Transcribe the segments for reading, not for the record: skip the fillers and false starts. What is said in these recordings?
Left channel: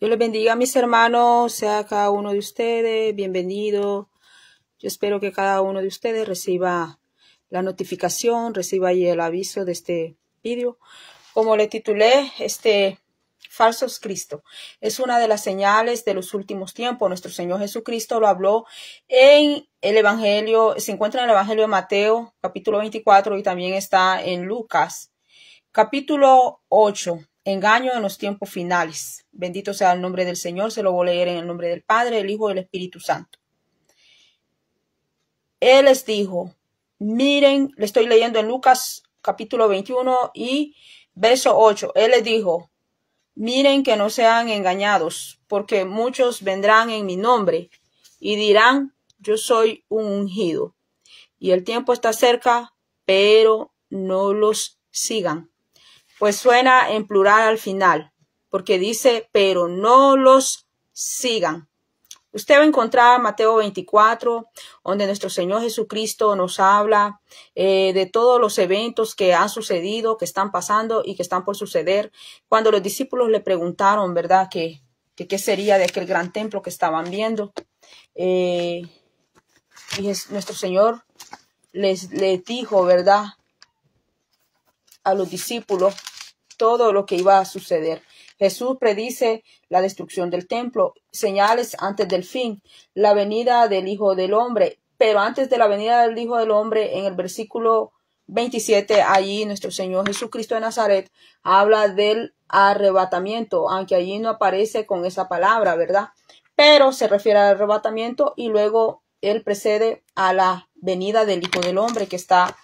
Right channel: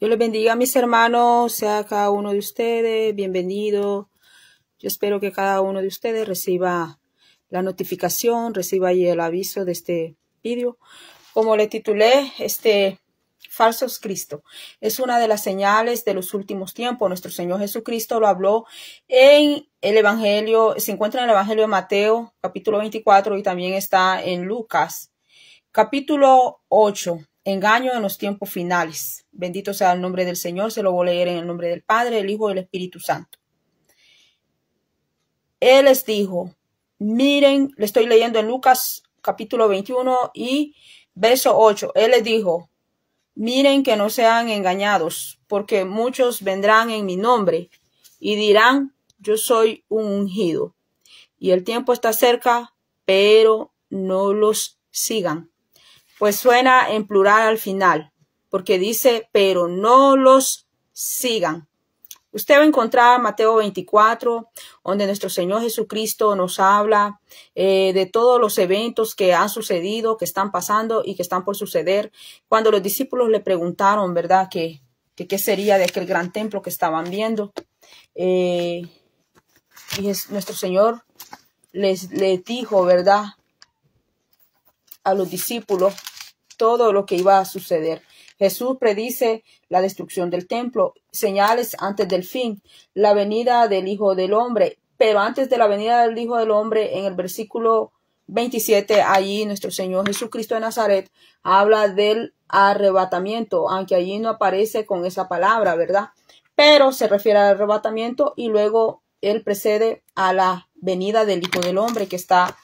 Dios les bendiga, mis hermanos, sea cada uno de ustedes bienvenido. Yo espero que cada uno de ustedes reciba la notificación, reciba ahí el aviso de este vídeo. Como le titulé, falsos Cristo es una de las señales de los últimos tiempos. Nuestro Señor Jesucristo lo habló en el Evangelio, se encuentra en el Evangelio de Mateo, capítulo 24, y también está en Lucas, capítulo 8. Engaño en los tiempos finales. Bendito sea el nombre del Señor. Se lo voy a leer en el nombre del Padre, del Hijo y del Espíritu Santo. Él les dijo, miren, le estoy leyendo en Lucas capítulo 21 y verso 8. Él les dijo, miren que no sean engañados, porque muchos vendrán en mi nombre y dirán, yo soy un ungido. Y el tiempo está cerca, pero no los sigan. Pues suena en plural al final, porque dice, pero no los sigan. Usted va a encontrar Mateo 24, donde nuestro Señor Jesucristo nos habla de todos los eventos que han sucedido, que están pasando y que están por suceder. Cuando los discípulos le preguntaron, ¿verdad?, que qué sería de aquel gran templo que estaban viendo. Y nuestro Señor les dijo, ¿verdad?, a los discípulos todo lo que iba a suceder. Jesús predice la destrucción del templo, señales antes del fin, la venida del Hijo del Hombre. Pero antes de la venida del Hijo del Hombre, en el versículo 27, allí nuestro Señor Jesucristo de Nazaret habla del arrebatamiento, aunque allí no aparece con esa palabra, ¿verdad? Pero se refiere al arrebatamiento y luego él precede a la venida del Hijo del Hombre, que está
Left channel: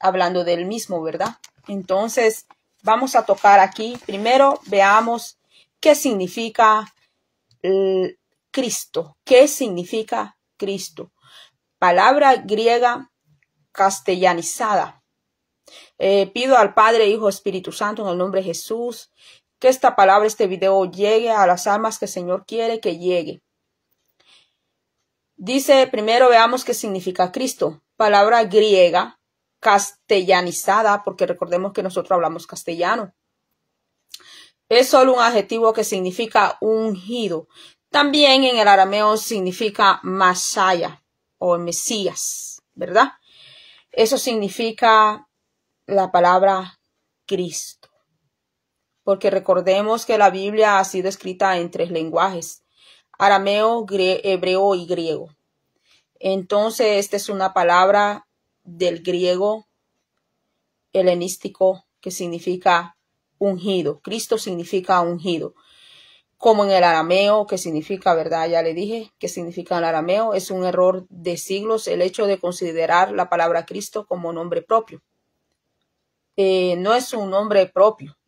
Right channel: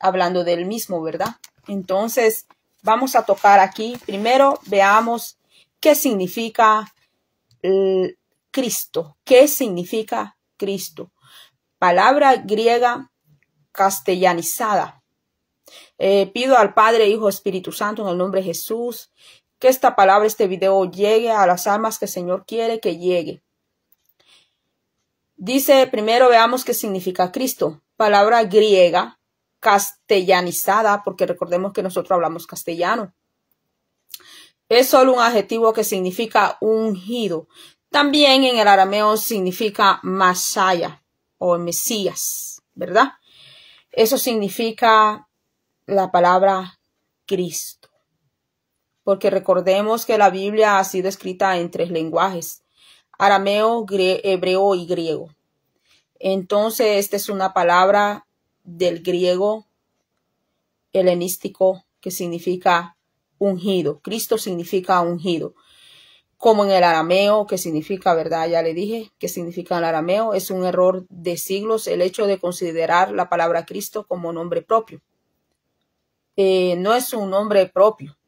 hablando del mismo, ¿verdad? Entonces, vamos a tocar aquí. Primero veamos qué significa Cristo. ¿Qué significa Cristo? Palabra griega castellanizada. Pido al Padre, Hijo, Espíritu Santo, en el nombre de Jesús, que esta palabra, este video llegue a las almas que el Señor quiere que llegue. Dice, primero veamos qué significa Cristo. Palabra griega castellanizada, porque recordemos que nosotros hablamos castellano. Es solo un adjetivo que significa ungido. También en el arameo significa Masaya o Mesías, ¿verdad? Eso significa la palabra Cristo. Porque recordemos que la Biblia ha sido escrita en 3 lenguajes: arameo, hebreo y griego. Entonces, esta es una palabra del griego helenístico que significa ungido. Cristo significa ungido. Como en el arameo, que significa, ¿verdad? Ya le dije que significa en el arameo. Es un error de siglos el hecho de considerar la palabra Cristo como nombre propio. No es un nombre propio.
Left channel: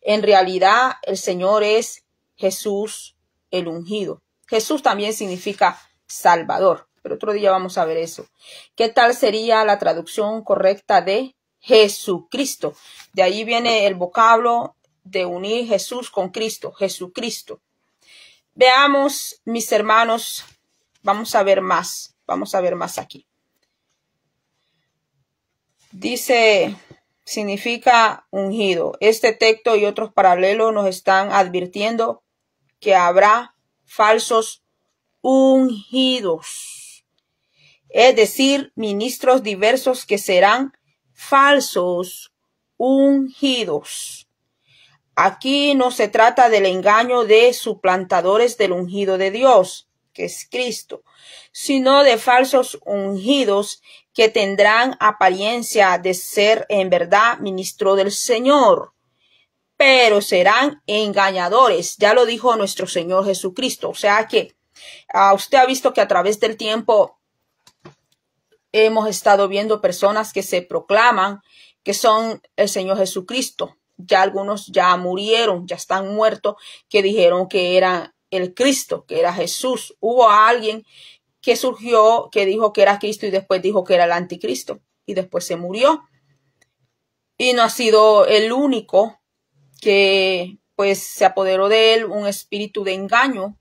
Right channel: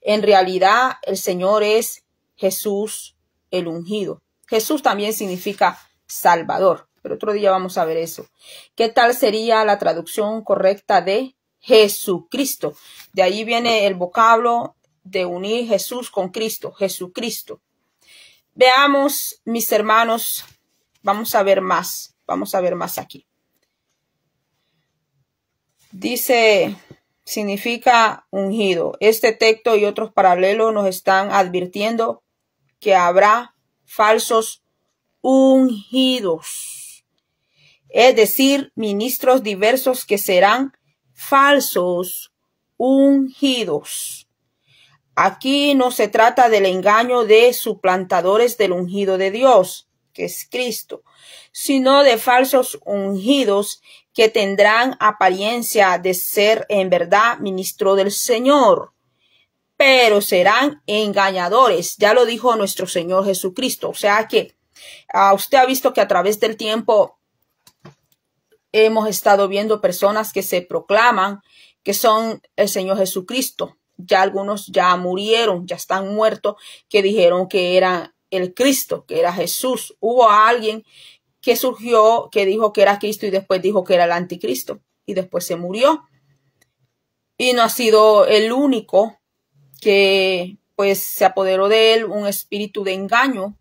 En realidad, el Señor es Jesús el ungido. Jesús también significa Salvador. Pero otro día vamos a ver eso. ¿Qué tal sería la traducción correcta de Jesucristo? De ahí viene el vocablo de unir Jesús con Cristo, Jesucristo. Veamos, mis hermanos, vamos a ver más aquí. Dice, significa ungido. Este texto y otros paralelos nos están advirtiendo que habrá falsos ungidos. Es decir, ministros diversos que serán falsos ungidos. Aquí no se trata del engaño de suplantadores del ungido de Dios, que es Cristo, sino de falsos ungidos que tendrán apariencia de ser en verdad ministro del Señor, pero serán engañadores. Ya lo dijo nuestro Señor Jesucristo. O sea que usted ha visto que a través del tiempo hemos estado viendo personas que se proclaman que son el Señor Jesucristo. Ya algunos ya murieron, ya están muertos, que dijeron que era el Cristo, que era Jesús. Hubo alguien que surgió, que dijo que era Cristo y después dijo que era el anticristo y después se murió. Y no ha sido el único que pues se apoderó de él un espíritu de engaño.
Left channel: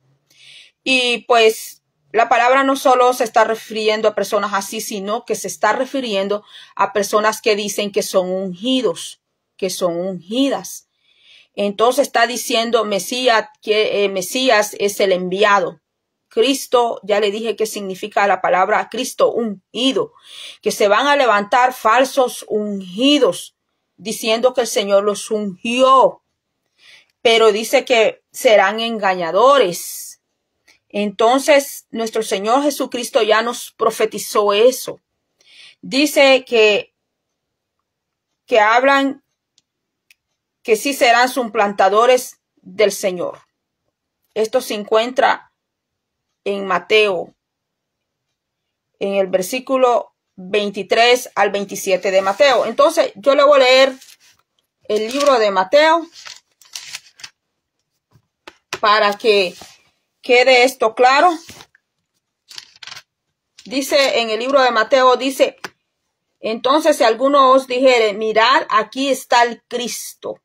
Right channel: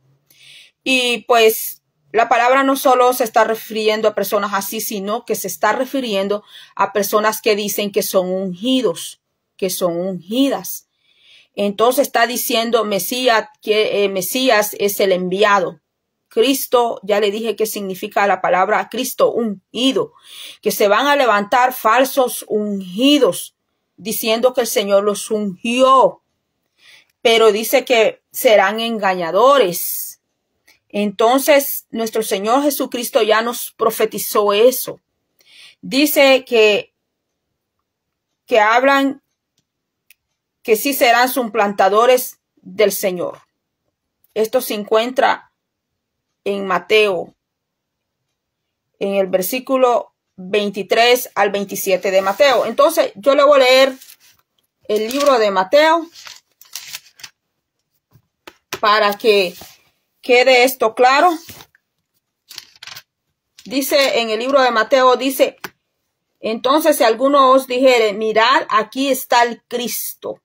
Y pues la palabra no solo se está refiriendo a personas así, sino que se está refiriendo a personas que dicen que son ungidos, que son ungidas. Entonces está diciendo Mesías, que Mesías es el enviado. Cristo, ya le dije qué significa la palabra Cristo, ungido, que se van a levantar falsos ungidos, diciendo que el Señor los ungió, pero dice que serán engañadores. Entonces, nuestro Señor Jesucristo ya nos profetizó eso. Dice que hablan que sí serán suplantadores del Señor. Esto se encuentra en Mateo, en el versículo 23 al 27 de Mateo. Entonces, yo le voy a leer el libro de Mateo para que quede esto claro. Dice en el libro de Mateo, dice, entonces si alguno os dijere, mirad, aquí está el Cristo,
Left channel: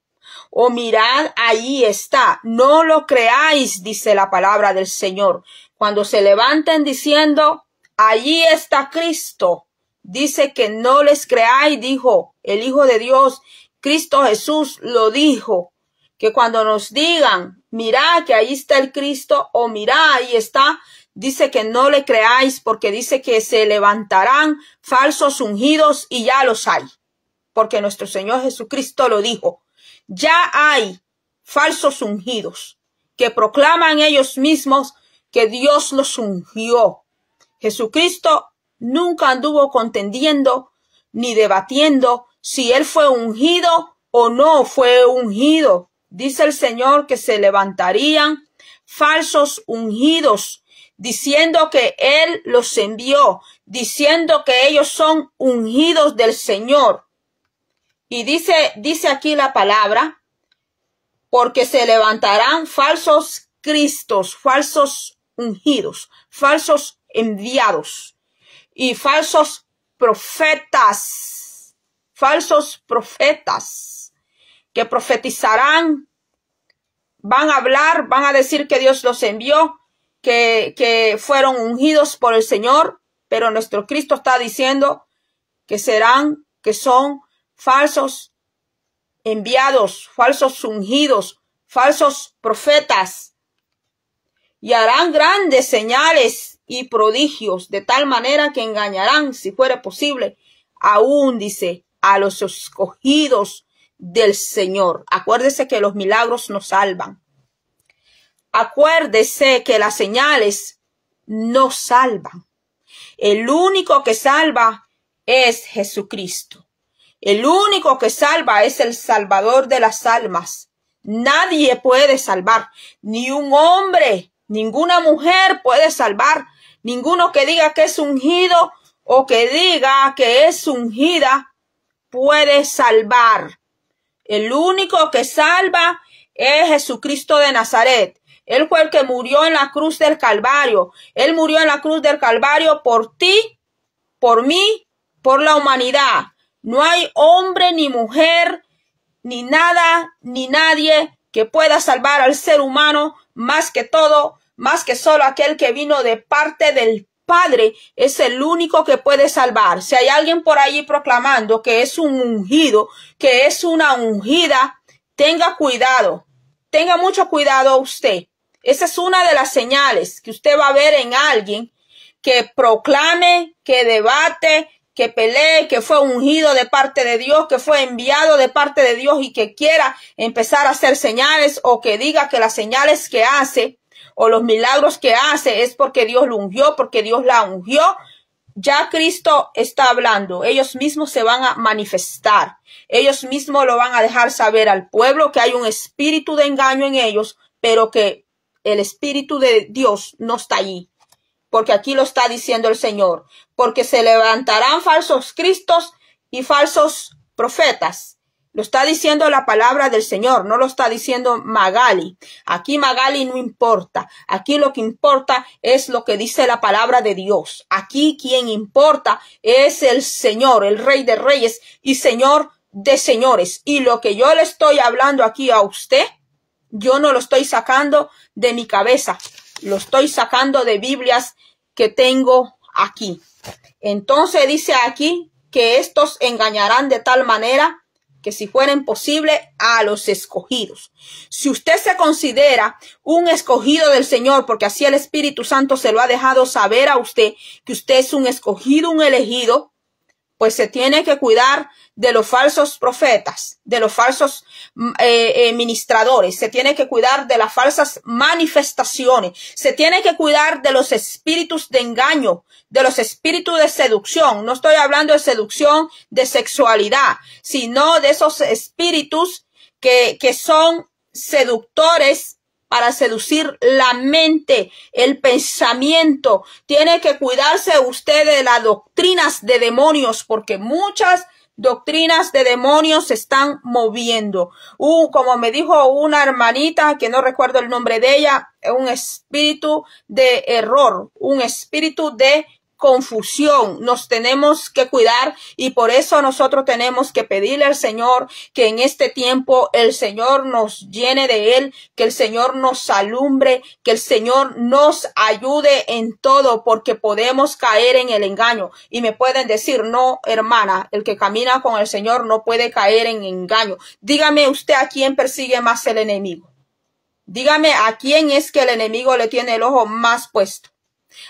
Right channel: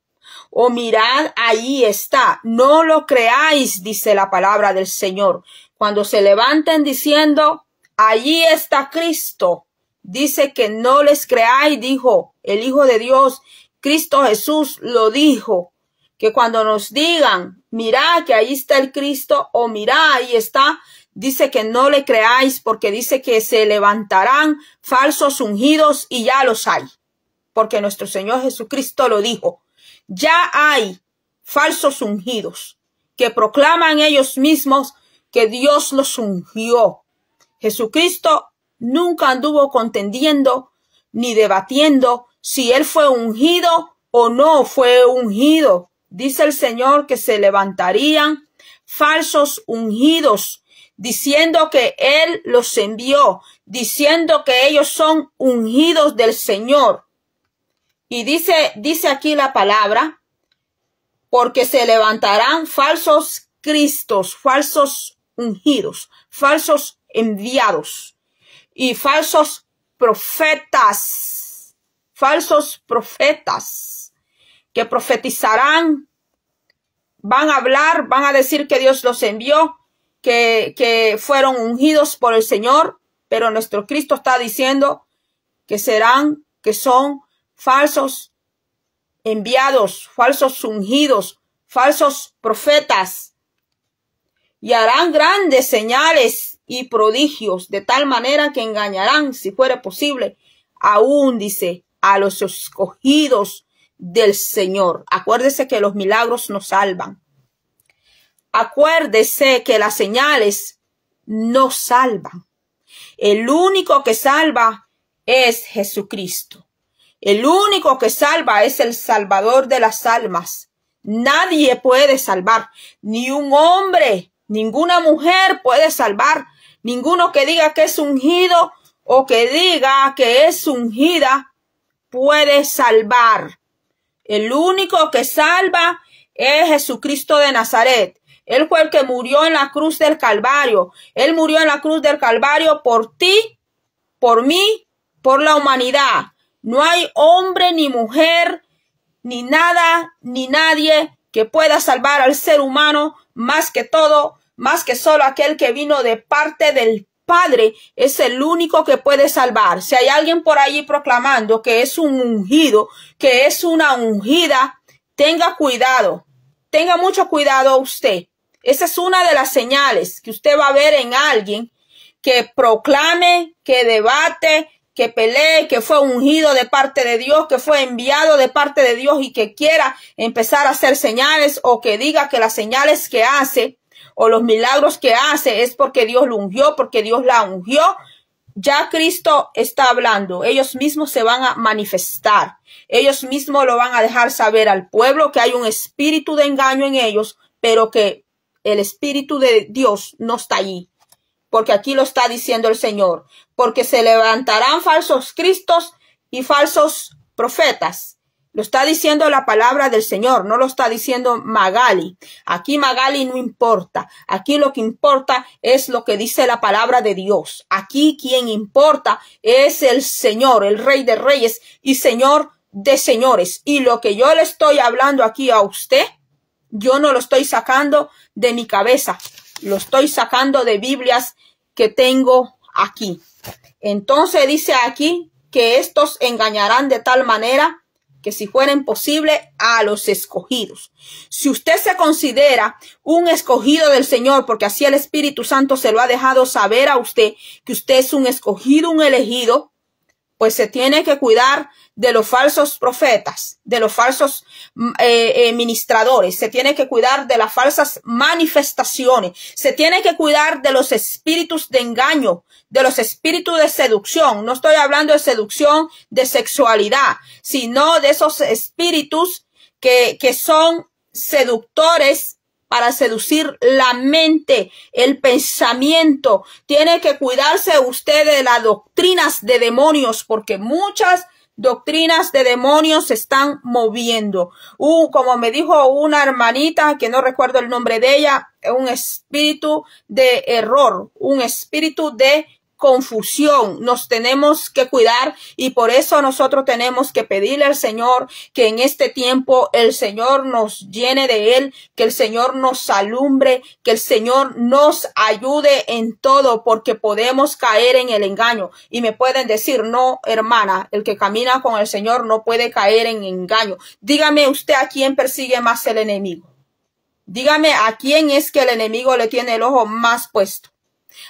o mirad, ahí está, no lo creáis, dice la palabra del Señor. Cuando se levanten diciendo, allí está Cristo, dice que no les creáis, dijo el Hijo de Dios, Cristo Jesús lo dijo, que cuando nos digan, mirad que ahí está el Cristo, o mirad, ahí está, dice que no le creáis, porque dice que se levantarán falsos ungidos y ya los hay, porque nuestro Señor Jesucristo lo dijo. Ya hay falsos ungidos que proclaman ellos mismos que Dios los ungió. Jesucristo nunca anduvo contendiendo ni debatiendo si él fue ungido o no fue ungido. Dice el Señor que se levantarían falsos ungidos, diciendo que él los envió, diciendo que ellos son ungidos del Señor. Y dice aquí la palabra, porque se levantarán falsos cristos, falsos ungidos, falsos enviados y falsos profetas que profetizarán, van a hablar, van a decir que Dios los envió, que fueron ungidos por el Señor, pero nuestro Cristo está diciendo que son falsos enviados, falsos ungidos, falsos profetas, y harán grandes señales y prodigios, de tal manera que engañarán, si fuera posible, aún, dice, a los escogidos del Señor. Acuérdese que los milagros nos salvan. Acuérdese que las señales no salvan. El único que salva es Jesucristo. El único que salva es el Salvador de las almas. Nadie puede salvar, ni un hombre, ninguna mujer puede salvar. Ninguno que diga que es ungido o que diga que es ungida puede salvar. El único que salva es Jesucristo de Nazaret. Él fue el que murió en la cruz del Calvario. Él murió en la cruz del Calvario por ti, por mí, por la humanidad. No hay hombre ni mujer, ni nada, ni nadie que pueda salvar al ser humano, más que solo aquel que vino de parte del Padre. Es el único que puede salvar. Si hay alguien por allí proclamando que es un ungido, que es una ungida, tenga cuidado. Tenga mucho cuidado usted. Esa es una de las señales que usted va a ver en alguien que proclame, que debate, que pelee, que fue ungido de parte de Dios, que fue enviado de parte de Dios y que quiera empezar a hacer señales, o que diga que las señales que hace o los milagros que hace es porque Dios lo ungió, porque Dios la ungió. Ya Cristo está hablando. Ellos mismos se van a manifestar. Ellos mismos lo van a dejar saber al pueblo que hay un espíritu de engaño en ellos, pero que el espíritu de Dios no está allí. Porque aquí lo está diciendo el Señor. Porque se levantarán falsos cristos y falsos profetas. Lo está diciendo la palabra del Señor, no lo está diciendo Magali. Aquí Magali no importa. Aquí lo que importa es lo que dice la palabra de Dios. Aquí quien importa es el Señor, el Rey de Reyes y Señor de señores. Y lo que yo le estoy hablando aquí a usted, yo no lo estoy sacando de mi cabeza. Lo estoy sacando de Biblias que tengo aquí. Entonces dice aquí que estos engañarán de tal manera que si fueren posible a los escogidos. Si usted se considera un escogido del Señor, porque así el Espíritu Santo se lo ha dejado saber a usted, que usted es un escogido, un elegido, pues se tiene que cuidar de los falsos profetas, de los falsos ministradores, se tiene que cuidar de las falsas manifestaciones, se tiene que cuidar de los espíritus de engaño, de los espíritus de seducción. No estoy hablando de seducción de sexualidad, sino de esos espíritus que son seductores para seducir la mente, el pensamiento. Tiene que cuidarse usted de las doctrinas de demonios, porque muchas doctrinas de demonios se están moviendo. Como me dijo una hermanita, que no recuerdo el nombre de ella, un espíritu de error, un espíritu de confusión. Nos tenemos que cuidar y por eso nosotros tenemos que pedirle al Señor que en este tiempo el Señor nos llene de Él, que el Señor nos alumbre, que el Señor nos ayude en todo, porque podemos caer en el engaño. Y me pueden decir, no, hermana, el que camina con el Señor no puede caer en engaño. Dígame usted a quién persigue más el enemigo. Dígame a quién es que el enemigo le tiene el ojo más puesto.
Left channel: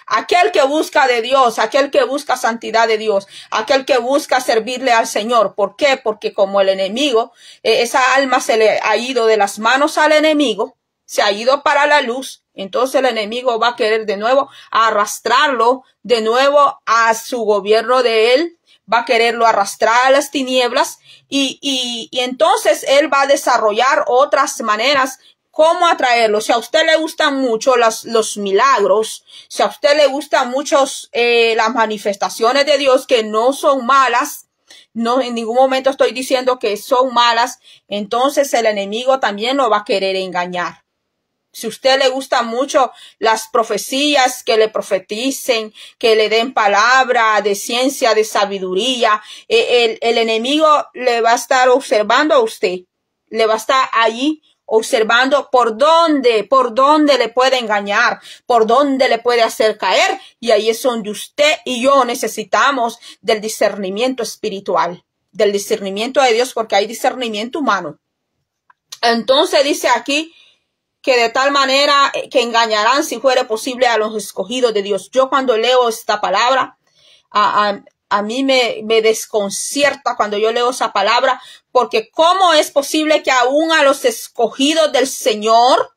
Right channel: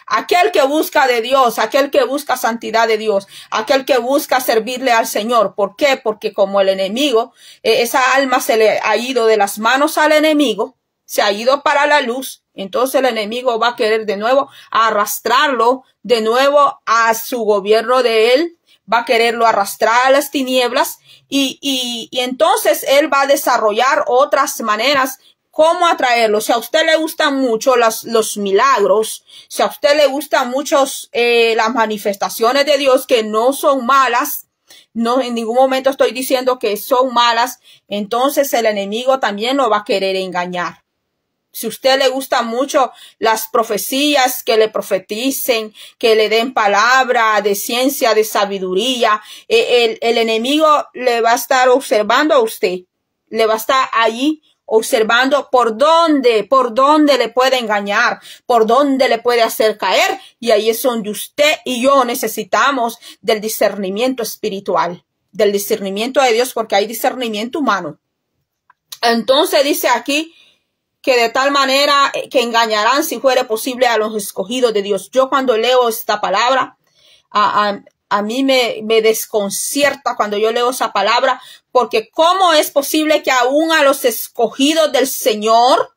Aquel que busca de Dios, aquel que busca santidad de Dios, aquel que busca servirle al Señor. ¿Por qué? Porque como el enemigo, esa alma se le ha ido de las manos al enemigo, se ha ido para la luz, entonces el enemigo va a querer de nuevo arrastrarlo de nuevo a su gobierno de él, va a quererlo arrastrar a las tinieblas y entonces él va a desarrollar otras maneras cómo atraerlo. Si a usted le gustan mucho los milagros, si a usted le gustan mucho las manifestaciones de Dios, que no son malas, no en ningún momento estoy diciendo que son malas, entonces el enemigo también lo va a querer engañar. Si a usted le gustan mucho las profecías, que le profeticen, que le den palabra de ciencia, de sabiduría, el enemigo le va a estar observando a usted, le va a estar allí observando por dónde le puede engañar, por dónde le puede hacer caer, y ahí es donde usted y yo necesitamos del discernimiento espiritual, del discernimiento de Dios, porque hay discernimiento humano. Entonces dice aquí que de tal manera que engañarán, si fuere posible, a los escogidos de Dios. Yo cuando leo esta palabra, a mí me desconcierta cuando yo leo esa palabra, porque ¿cómo es posible que aún a los escogidos del Señor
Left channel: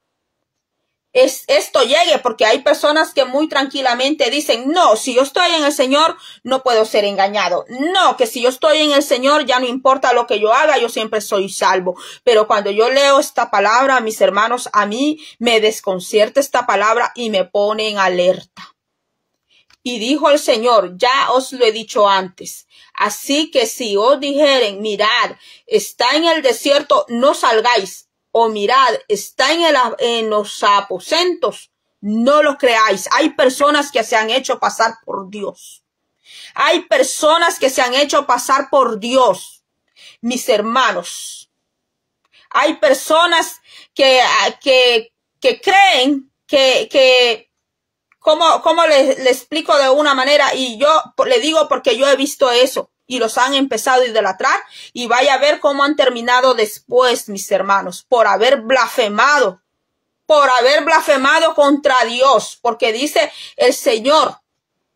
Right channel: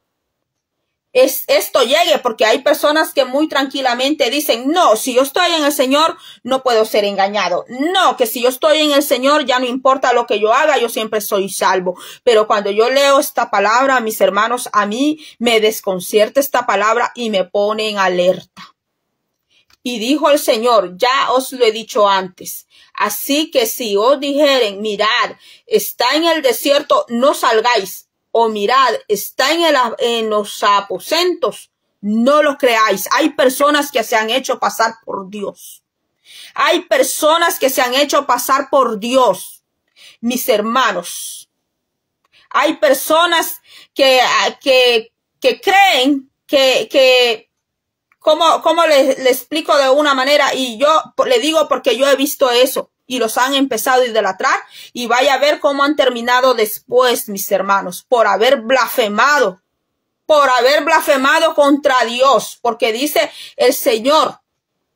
esto llegue? Porque hay personas que muy tranquilamente dicen, no, si yo estoy en el Señor, no puedo ser engañado. No, que si yo estoy en el Señor, ya no importa lo que yo haga, yo siempre soy salvo. Pero cuando yo leo esta palabra, mis hermanos, a mí me desconcierta esta palabra y me pone en alerta. Y dijo el Señor, ya os lo he dicho antes, así que si os dijeren, mirad, está en el desierto, no salgáis, o mirad, está en los aposentos, no lo creáis. Hay personas que se han hecho pasar por Dios. Hay personas que se han hecho pasar por Dios, mis hermanos. Hay personas que creen que ¿Cómo le explico de una manera? Y yo le digo porque yo he visto eso y los han empezado a idolatrar y vaya a ver cómo han terminado después, mis hermanos, por haber blasfemado contra Dios, porque dice el Señor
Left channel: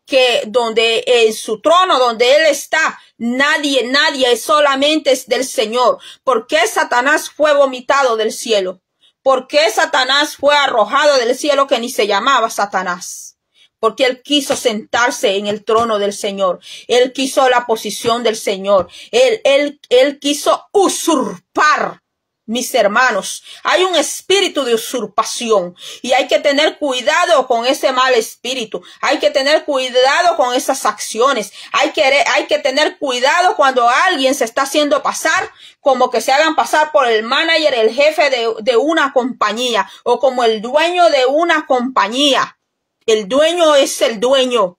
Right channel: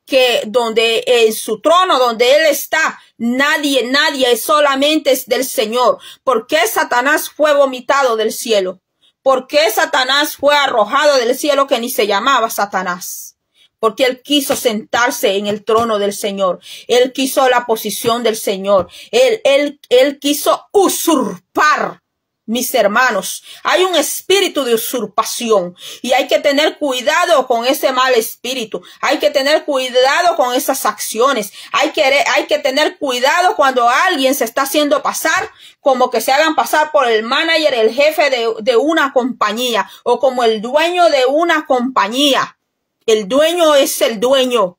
que donde en su trono, donde Él está, nadie solamente es del Señor. ¿Por qué Satanás fue vomitado del cielo? ¿Por qué Satanás fue arrojado del cielo, que ni se llamaba Satanás? Porque él quiso sentarse en el trono del Señor. Él quiso la posición del Señor. Él quiso usurpar, mis hermanos. Hay un espíritu de usurpación y hay que tener cuidado con ese mal espíritu. Hay que tener cuidado con esas acciones. Hay que tener cuidado cuando alguien se está haciendo pasar, como que se hagan pasar por el manager, el jefe de una compañía, o como el dueño de una compañía. El dueño es el dueño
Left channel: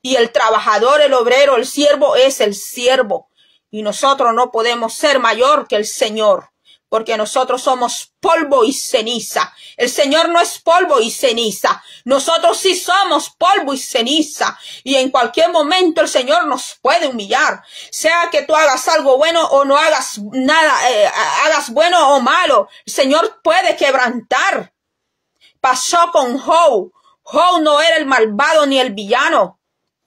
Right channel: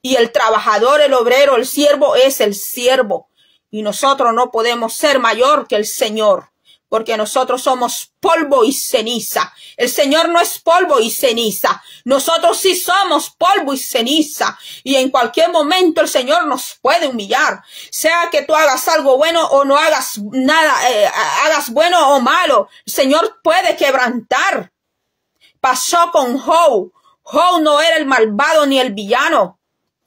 y el trabajador, el obrero, el siervo es el siervo. Y nosotros no podemos ser mayor que el Señor. porque nosotros somos polvo y ceniza. El Señor no es polvo y ceniza. Nosotros sí somos polvo y ceniza. Y en cualquier momento el Señor nos puede humillar. Sea que tú hagas algo bueno o no hagas nada, hagas bueno o malo, el Señor puede quebrantar. Pasó con Job. Job no era el malvado ni el villano.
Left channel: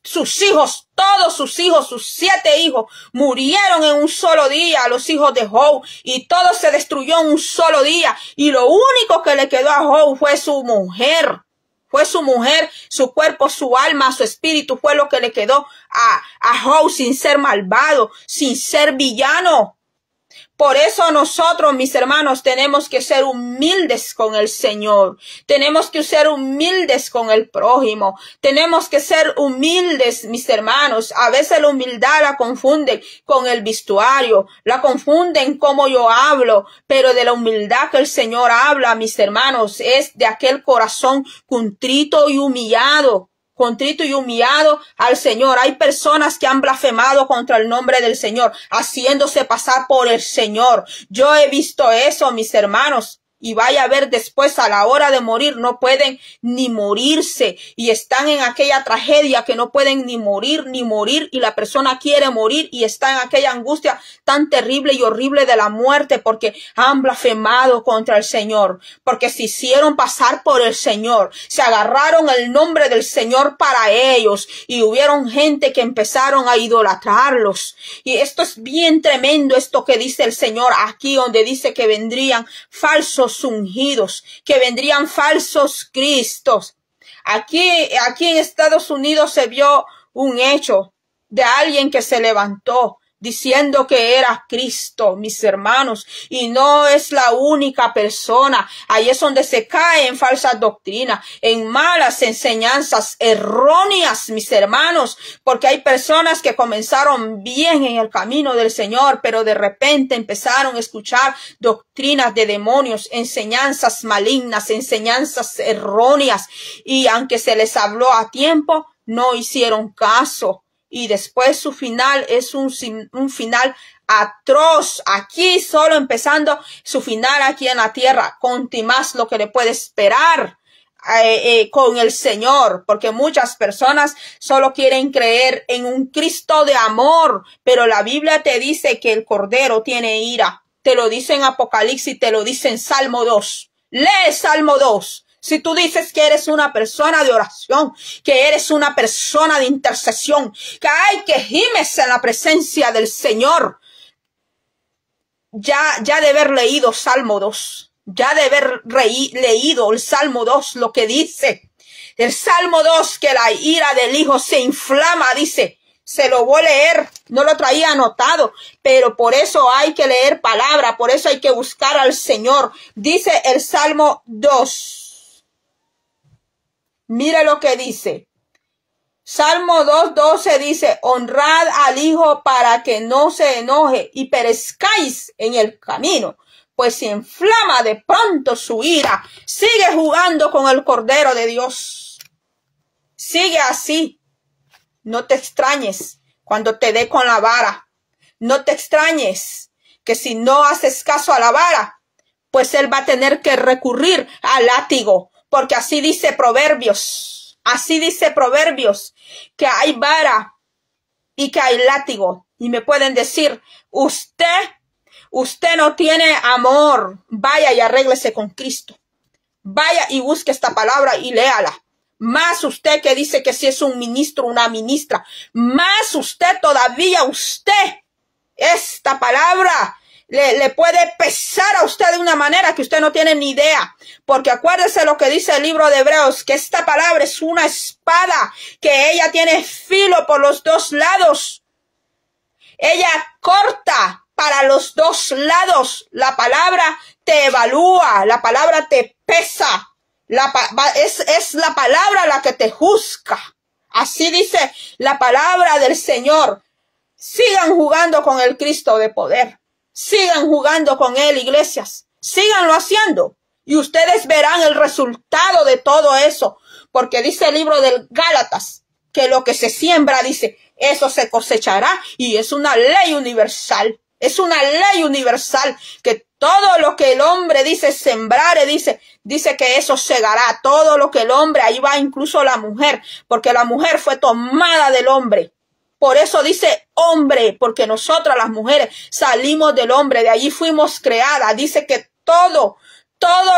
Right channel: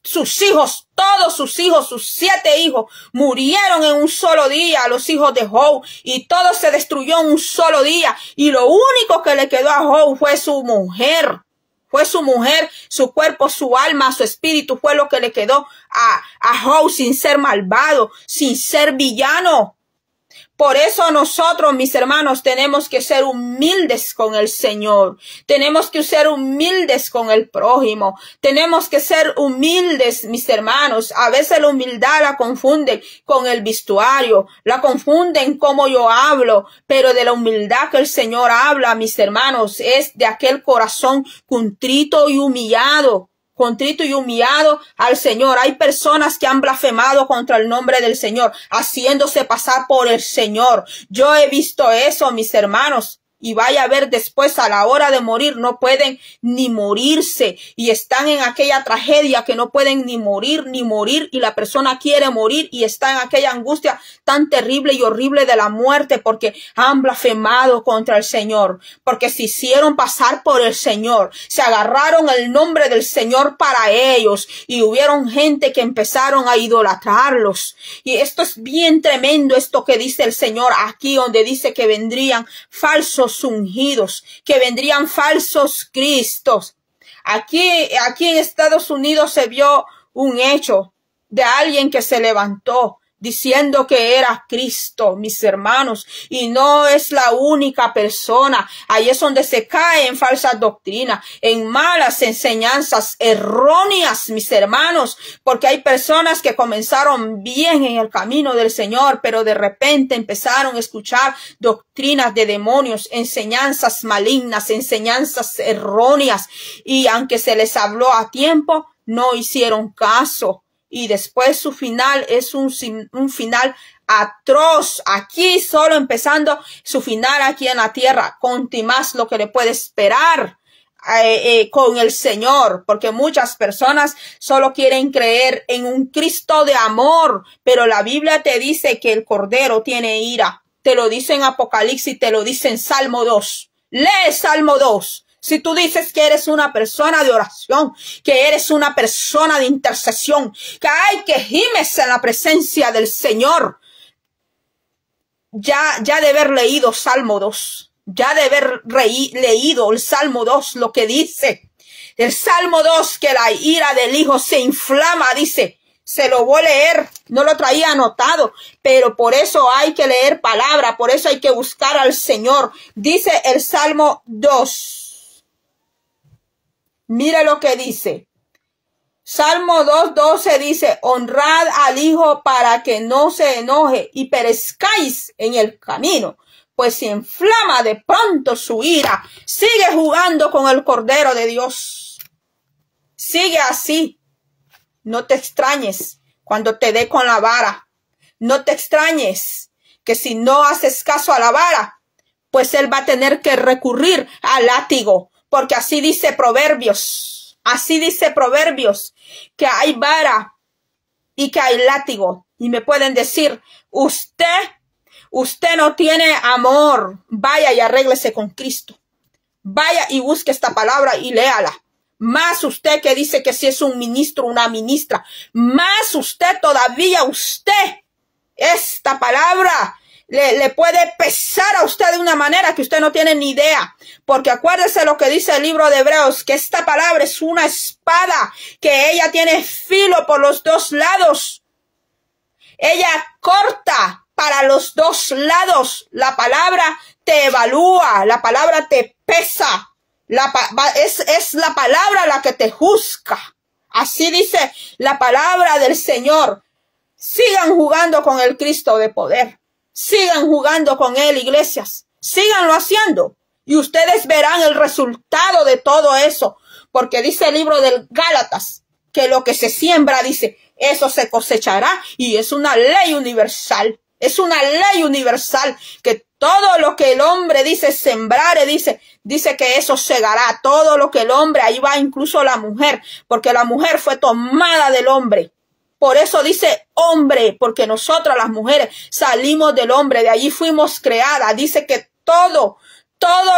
Sus hijos, todos sus hijos, sus 7 hijos, murieron en un solo día, los hijos de Job, y todo se destruyó en un solo día. Y lo único que le quedó a Job fue su mujer. Fue su mujer, su cuerpo, su alma, su espíritu, fue lo que le quedó a Job, sin ser malvado, sin ser villano. Por eso nosotros, mis hermanos, tenemos que ser humildes con el Señor. Tenemos que ser humildes con el prójimo. Tenemos que ser humildes, mis hermanos. A veces la humildad la confunden con el vestuario, la confunden como yo hablo, pero de la humildad que el Señor habla, mis hermanos, es de aquel corazón contrito y humillado. Contrito y humillado al Señor. Hay personas que han blasfemado contra el nombre del Señor, haciéndose pasar por el Señor. Yo he visto eso, mis hermanos. Y vaya a ver después, a la hora de morir, no pueden ni morirse. Y están en aquella tragedia que no pueden ni morir. Y la persona quiere morir y está en aquella angustia tan terrible y horrible de la muerte porque han blasfemado contra el Señor. Porque se hicieron pasar por el Señor. Se agarraron el nombre del Señor para ellos. Y hubieron gente que empezaron a idolatrarlos. Y esto es bien tremendo, esto que dice el Señor aquí, donde dice que vendrían falsos ungidos, que vendrían falsos cristos. Aquí en Estados Unidos se vio un hecho de alguien que se levantó diciendo que era Cristo, mis hermanos, y no es la única persona. Ahí es donde se cae en falsas doctrinas, en malas enseñanzas erróneas, mis hermanos, porque hay personas que comenzaron bien en el camino del Señor, pero de repente empezaron a escuchar doctrinas de demonios, enseñanzas malignas, enseñanzas erróneas, y aunque se les habló a tiempo, no hicieron caso. Y después su final es un final atroz. Aquí solo empezando su final aquí en la tierra. Con más lo que le puede esperar con el Señor. Porque muchas personas solo quieren creer en un Cristo de amor. Pero la Biblia te dice que el Cordero tiene ira. Te lo dice en Apocalipsis, te lo dice en Salmo 2. Lee Salmo 2. Si tú dices que eres una persona de oración, que eres una persona de intercesión, que gimes en la presencia del Señor, ya de haber leído Salmo 2, ya de haber leído el Salmo 2, lo que dice. El Salmo 2, que la ira del Hijo se inflama, dice. Se lo voy a leer, no lo traía anotado, pero por eso hay que leer palabra, por eso hay que buscar al Señor. Dice el Salmo 2. Mire lo que dice. Salmo 2:12 dice, honrad al Hijo para que no se enoje y perezcáis en el camino, pues se inflama de pronto su ira. Sigue jugando con el Cordero de Dios. Sigue así. No te extrañes cuando te dé con la vara. No te extrañes que si no haces caso a la vara, pues él va a tener que recurrir al látigo. Porque así dice Proverbios, que hay vara y que hay látigo. Y me pueden decir, usted no tiene amor. Vaya y arréglese con Cristo. Vaya y busque esta palabra y léala. Más usted que dice que si es un ministro, una ministra. Más usted todavía, esta palabra le puede pesar a usted de una manera que usted no tiene ni idea. Porque acuérdese lo que dice el libro de Hebreos, que esta palabra es una espada, que ella tiene filo por los dos lados. Ella corta para los dos lados. La palabra te evalúa, la palabra te pesa. Es la palabra la que te juzga. Así dice la palabra del Señor. Sigan jugando con el Cristo de poder. Sigan jugando con él, iglesias. Síganlo haciendo. Y ustedes verán el resultado de todo eso. Porque dice el libro de Gálatas que lo que se siembra, dice, eso se cosechará. Y es una ley universal. Es una ley universal que todo lo que el hombre dice sembrare, dice que eso segará. Todo lo que el hombre, ahí va incluso la mujer, porque la mujer fue tomada del hombre. Por eso dice hombre, porque nosotras las mujeres salimos del hombre, de allí fuimos creadas. Dice que todo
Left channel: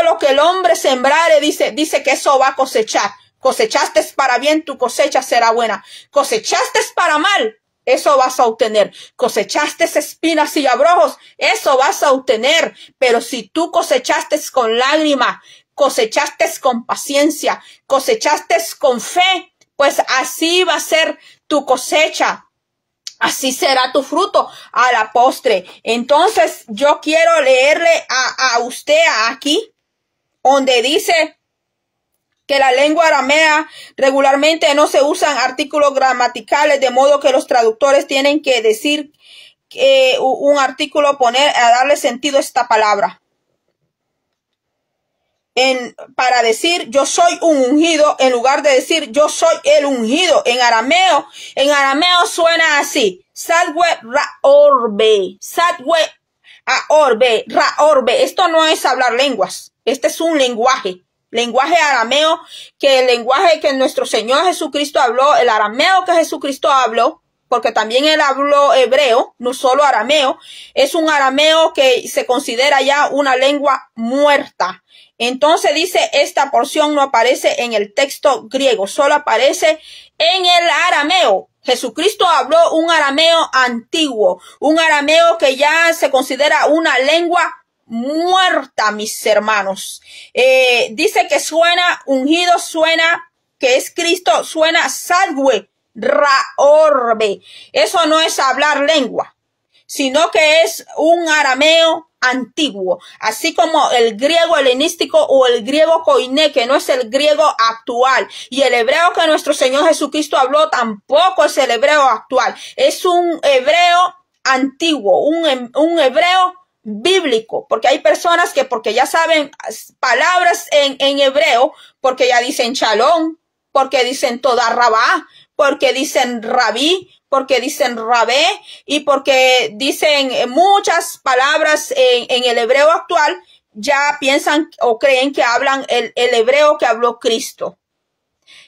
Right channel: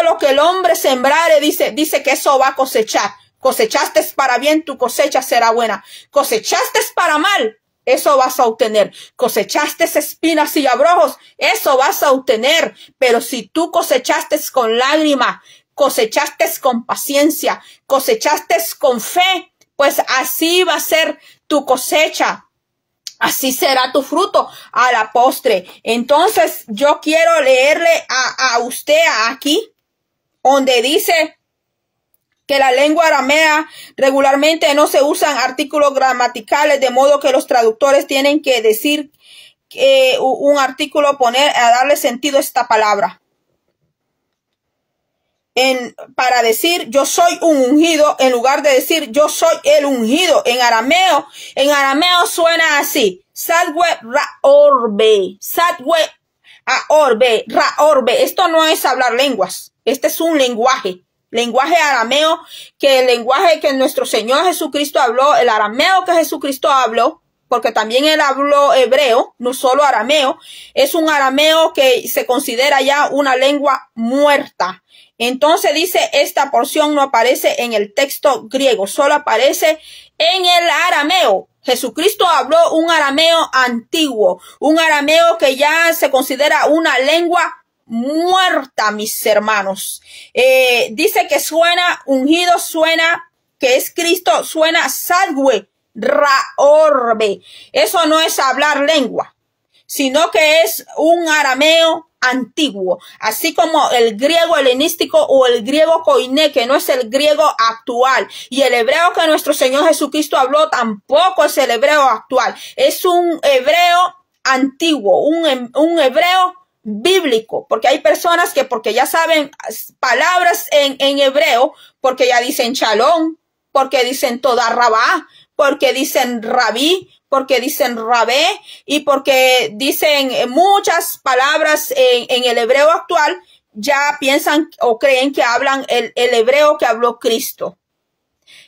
lo que el hombre sembrare, dice que eso va a cosechar. Cosechaste para bien, tu cosecha será buena. Cosechaste para mal, eso vas a obtener. Cosechaste espinas y abrojos, eso vas a obtener. Pero si tú cosechaste con lágrima, cosechaste con paciencia, cosechaste con fe, pues así va a ser tu cosecha. Así será tu fruto a la postre. Entonces yo quiero leerle a usted aquí, donde dice que la lengua aramea regularmente no se usan artículos gramaticales, de modo que los traductores tienen que decir un artículo, poner a darle sentido a esta palabra. Para decir yo soy un ungido, en lugar de decir yo soy el ungido. En arameo suena así: Sadwe Raorbe, Sadwe Aorbe, Raorbe. Esto no es hablar lenguas, este es un lenguaje arameo, que el lenguaje que nuestro Señor Jesucristo habló, el arameo que Jesucristo habló, porque también él habló hebreo, no solo arameo, es un arameo que se considera ya una lengua muerta. Entonces dice, esta porción no aparece en el texto griego, solo aparece en el arameo. Jesucristo habló un arameo antiguo, un arameo que ya se considera una lengua muerta, mis hermanos. Dice que suena ungido, suena que es Cristo, suena Sadwe Raorbe. Eso no es hablar lengua, sino que es un arameo antiguo, así como el griego helenístico o el griego koiné, que no es el griego actual, y el hebreo que nuestro Señor Jesucristo habló tampoco es el hebreo actual, es un hebreo antiguo, un hebreo bíblico, porque hay personas que porque ya saben palabras en hebreo, porque ya dicen shalom, porque dicen toda rabá, porque dicen rabí, porque dicen rabé, y porque dicen muchas palabras en el hebreo actual, ya piensan o creen que hablan el hebreo que habló Cristo.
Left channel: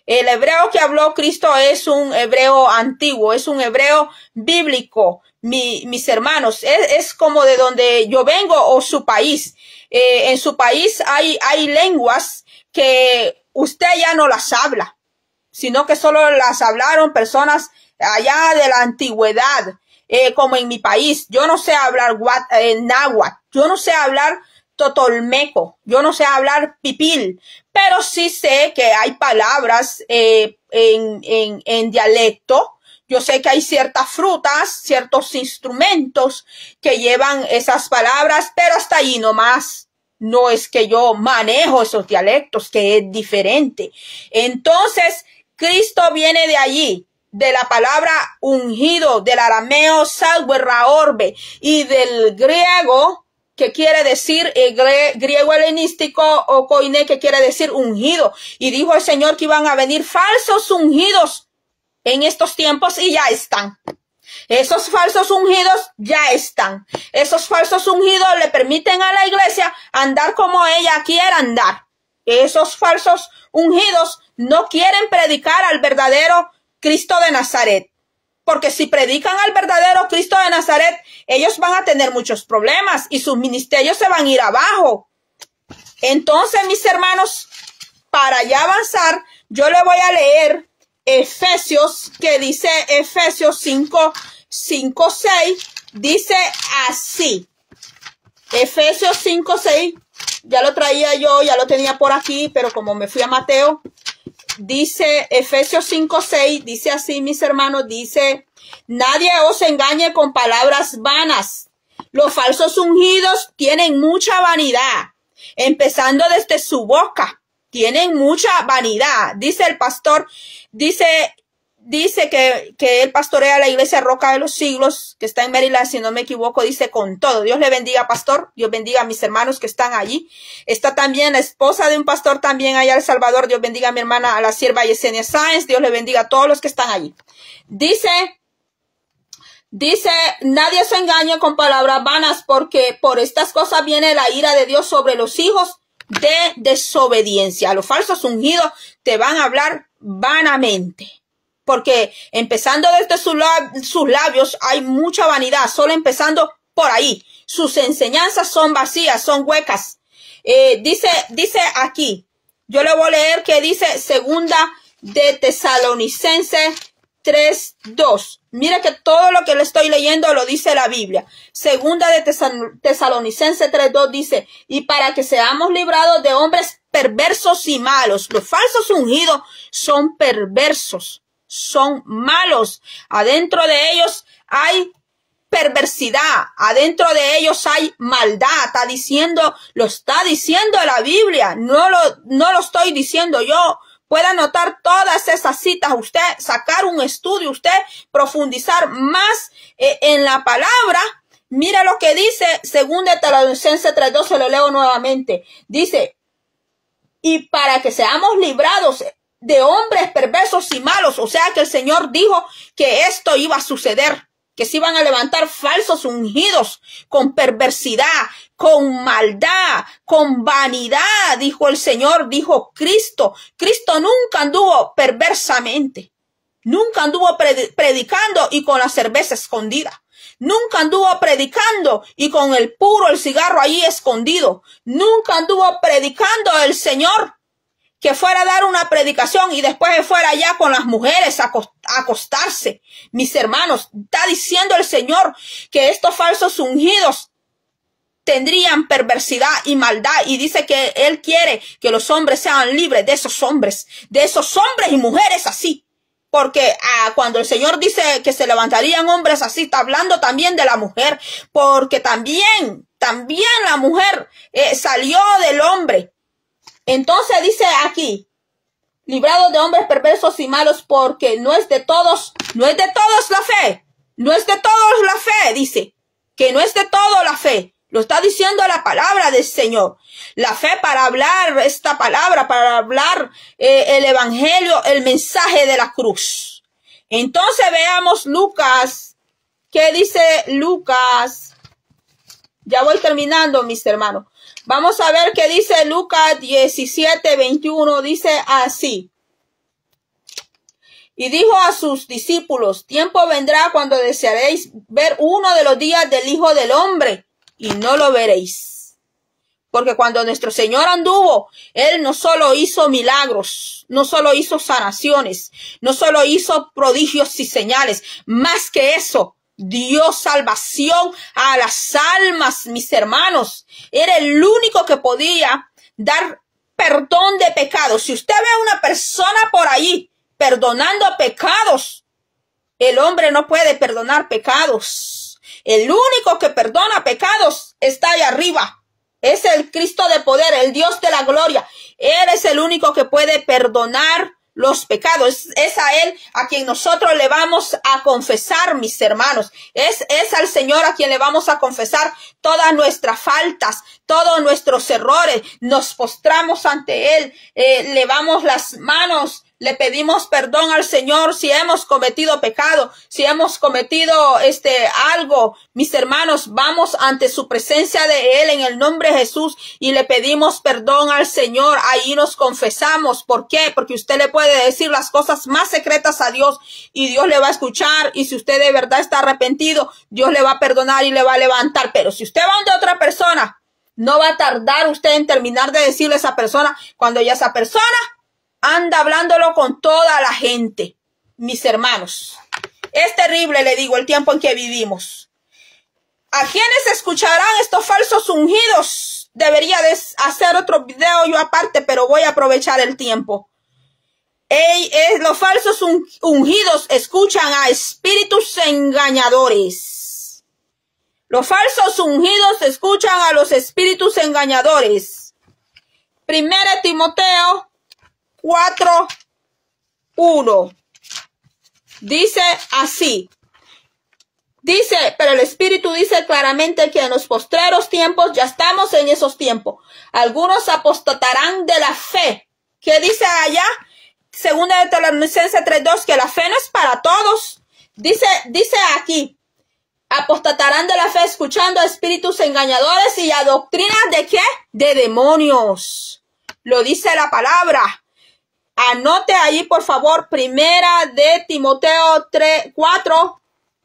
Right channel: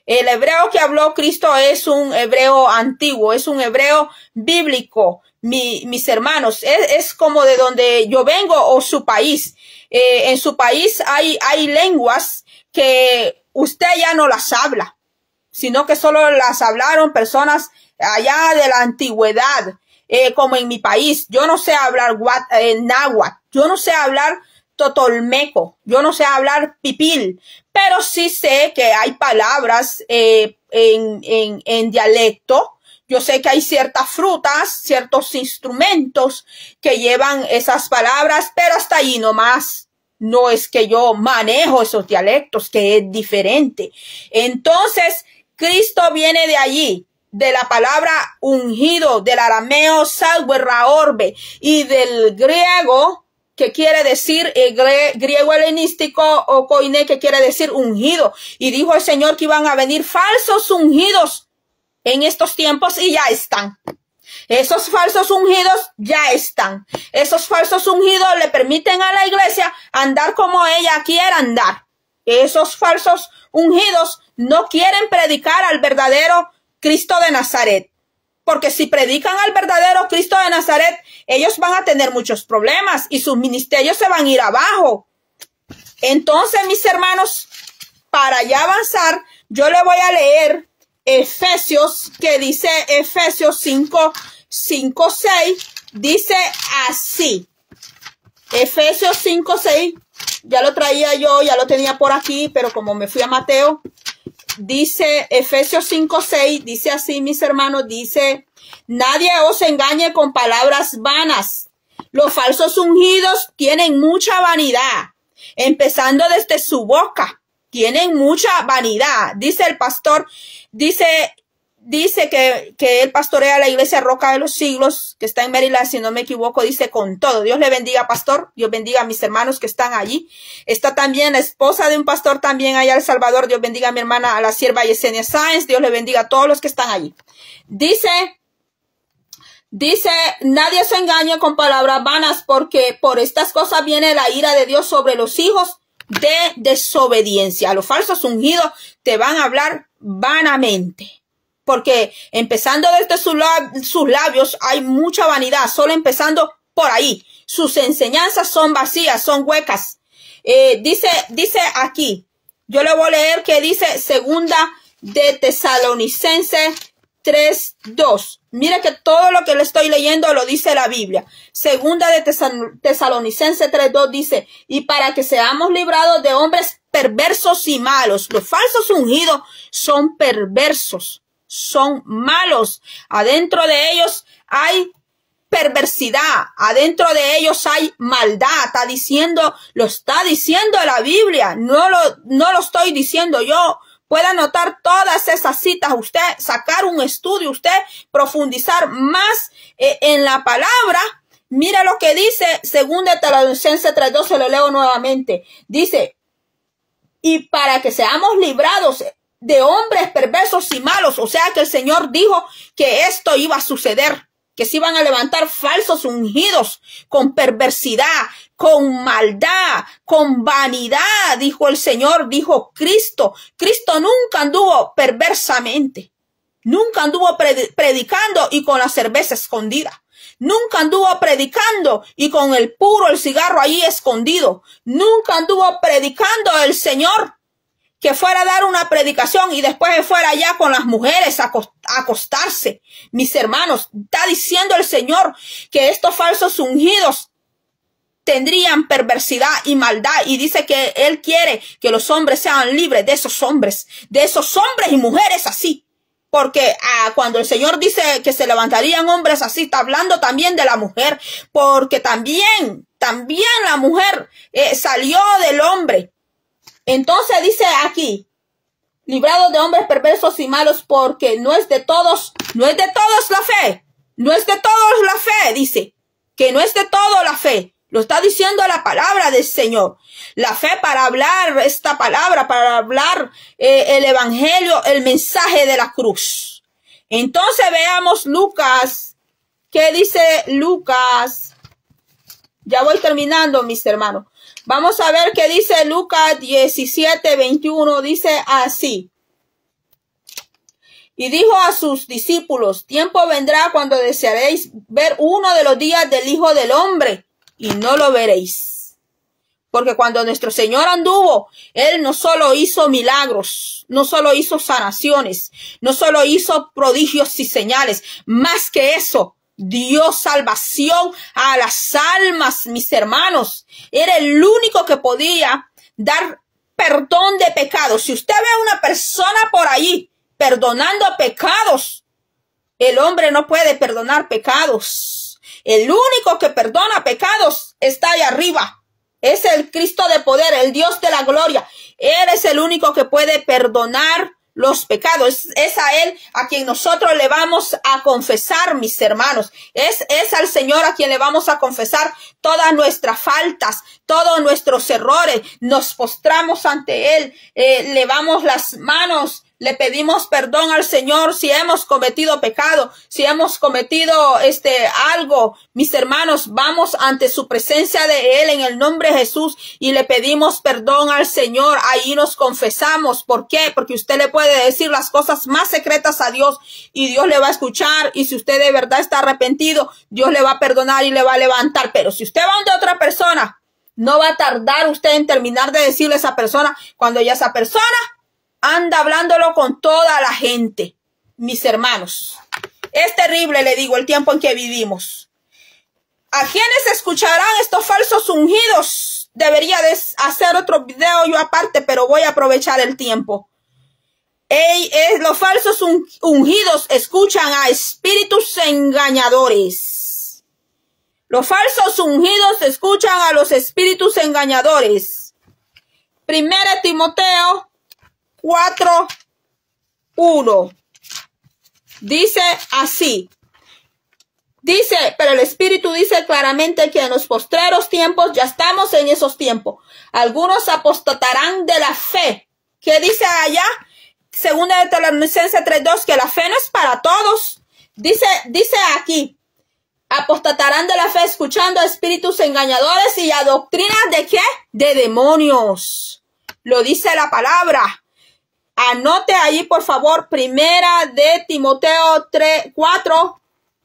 El hebreo que habló Cristo es un hebreo antiguo, es un hebreo bíblico, mis hermanos. Es como de donde yo vengo o su país. En su país hay lenguas que usted ya no las habla, sino que solo las hablaron personas allá de la antigüedad, como en mi país. Yo no sé hablar náhuatl, yo no sé hablar totolmeco, yo no sé hablar pipil, pero sí sé que hay palabras en dialecto. Yo sé que hay ciertas frutas, ciertos instrumentos que llevan esas palabras, pero hasta allí nomás. No es que yo manejo esos dialectos, que es diferente. Entonces, Cristo viene de allí, de la palabra ungido, del arameo Sadwe Raorbe, y del griego, que quiere decir, griego helenístico o koiné, que quiere decir ungido. Y dijo el Señor que iban a venir falsos ungidos en estos tiempos, y ya están. Esos falsos ungidos ya están. Esos falsos ungidos le permiten a la iglesia andar como ella quiera andar. Esos falsos ungidos no quieren predicar al verdadero Cristo de Nazaret. Porque si predican al verdadero Cristo de Nazaret, ellos van a tener muchos problemas y sus ministerios se van a ir abajo. Entonces, mis hermanos, para ya avanzar, yo le voy a leer Efesios, que dice Efesios 5, 6, dice así. Efesios 5, 6, ya lo traía yo, ya lo tenía por aquí, pero como me fui a Mateo, dice Efesios 5, 6, dice así, mis hermanos, dice: nadie os engañe con palabras vanas. Los falsos ungidos tienen mucha vanidad, empezando desde su boca. Tienen mucha vanidad. Dice el pastor, dice que él pastorea la iglesia Roca de los Siglos, que está en Maryland, si no me equivoco, dice con todo. Dios le bendiga, pastor. Dios bendiga a mis hermanos que están allí. Está también la esposa de un pastor también allá en El Salvador. Dios bendiga a mi hermana, a la sierva Yesenia Sáenz. Dios le bendiga a todos los que están allí. Dice Dice, nadie se engañe con palabras vanas, porque por estas cosas viene la ira de Dios sobre los hijos de desobediencia. Los falsos ungidos te van a hablar vanamente. Porque empezando desde sus labios hay mucha vanidad, solo empezando por ahí. Sus enseñanzas son vacías, son huecas. Dice aquí, yo le voy a leer que dice segunda de Tesalonicenses 3:2. Mire que todo lo que le estoy leyendo lo dice la Biblia. Segunda de Tesalonicenses 3:2 dice, y para que seamos librados de hombres perversos y malos. Los falsos ungidos son perversos, son malos. Adentro de ellos hay perversidad, adentro de ellos hay maldad. Lo está diciendo la Biblia, no lo estoy diciendo yo. Puede anotar todas esas citas, usted sacar un estudio, usted profundizar más en la palabra. Mire lo que dice 2 Tesalonicenses 3:2, se lo leo nuevamente. Dice, y para que seamos librados de hombres perversos y malos. O sea que el Señor dijo que esto iba a suceder, que se iban a levantar falsos ungidos con perversidad, con maldad, con vanidad, dijo el Señor, dijo Cristo. Cristo nunca anduvo perversamente, nunca anduvo predicando y con la cerveza escondida. Nunca anduvo predicando y con el cigarro ahí escondido. Nunca anduvo predicando el Señor que fuera a dar una predicación y después fuera allá con las mujeres a acostarse. Mis hermanos, está diciendo el Señor que estos falsos ungidos tendrían perversidad y maldad, y dice que Él quiere que los hombres sean libres de esos hombres y mujeres así. Porque cuando el Señor dice que se levantarían hombres así, está hablando también de la mujer, porque también la mujer salió del hombre. Entonces dice aquí, librados de hombres perversos y malos, porque no es de todos la fe. No es de todos la fe, dice, que no es de todo la fe. Lo está diciendo la palabra del Señor. La fe para hablar esta palabra, para hablar el evangelio, el mensaje de la cruz. Entonces veamos Lucas. ¿Qué dice Lucas? Ya voy terminando, mis hermanos. Vamos a ver qué dice Lucas 17:21. Dice así. Y dijo a sus discípulos, tiempo vendrá cuando desearéis ver uno de los días del Hijo del Hombre, y no lo veréis. Porque cuando nuestro Señor anduvo, Él no solo hizo milagros, no solo hizo sanaciones, no solo hizo prodigios y señales, más que eso, dio salvación a las almas, mis hermanos. Era el único que podía dar perdón de pecados. Si usted ve a una persona por ahí perdonando pecados, el hombre no puede perdonar pecados. El único que perdona pecados está allá arriba. Es el Cristo de poder, el Dios de la gloria. Él es el único que puede perdonar los pecados. Es a Él a quien nosotros le vamos a confesar, mis hermanos. Es al Señor a quien le vamos a confesar todas nuestras faltas, todos nuestros errores. Nos postramos ante Él, levamos las manos, le pedimos perdón al Señor si hemos cometido pecado, si hemos cometido algo. Mis hermanos, vamos ante su presencia de Él en el nombre de Jesús y le pedimos perdón al Señor. Ahí nos confesamos. ¿Por qué? Porque usted le puede decir las cosas más secretas a Dios y Dios le va a escuchar, y si usted de verdad está arrepentido, Dios le va a perdonar y le va a levantar. Pero si usted va ante otra persona, no va a tardar usted en terminar de decirle a esa persona cuando ya esa persona anda hablándolo con toda la gente. Mis hermanos, es terrible, le digo, el tiempo en que vivimos. ¿A quiénes escucharán estos falsos ungidos? Debería de hacer otro video yo aparte, pero voy a aprovechar el tiempo. Los falsos ungidos escuchan a espíritus engañadores. Los falsos ungidos escuchan a los espíritus engañadores. 1 Timoteo 4:1 dice así. Dice, pero el Espíritu dice claramente que en los postreros tiempos, ya estamos en esos tiempos, algunos apostatarán de la fe. ¿Qué dice allá? Segunda de Tesalonicenses 3:2, que la fe no es para todos. Dice aquí, Apostatarán de la fe escuchando a espíritus engañadores y a doctrinas ¿de qué? De demonios. Lo dice la palabra. Anote ahí, por favor, Primera de Timoteo 4.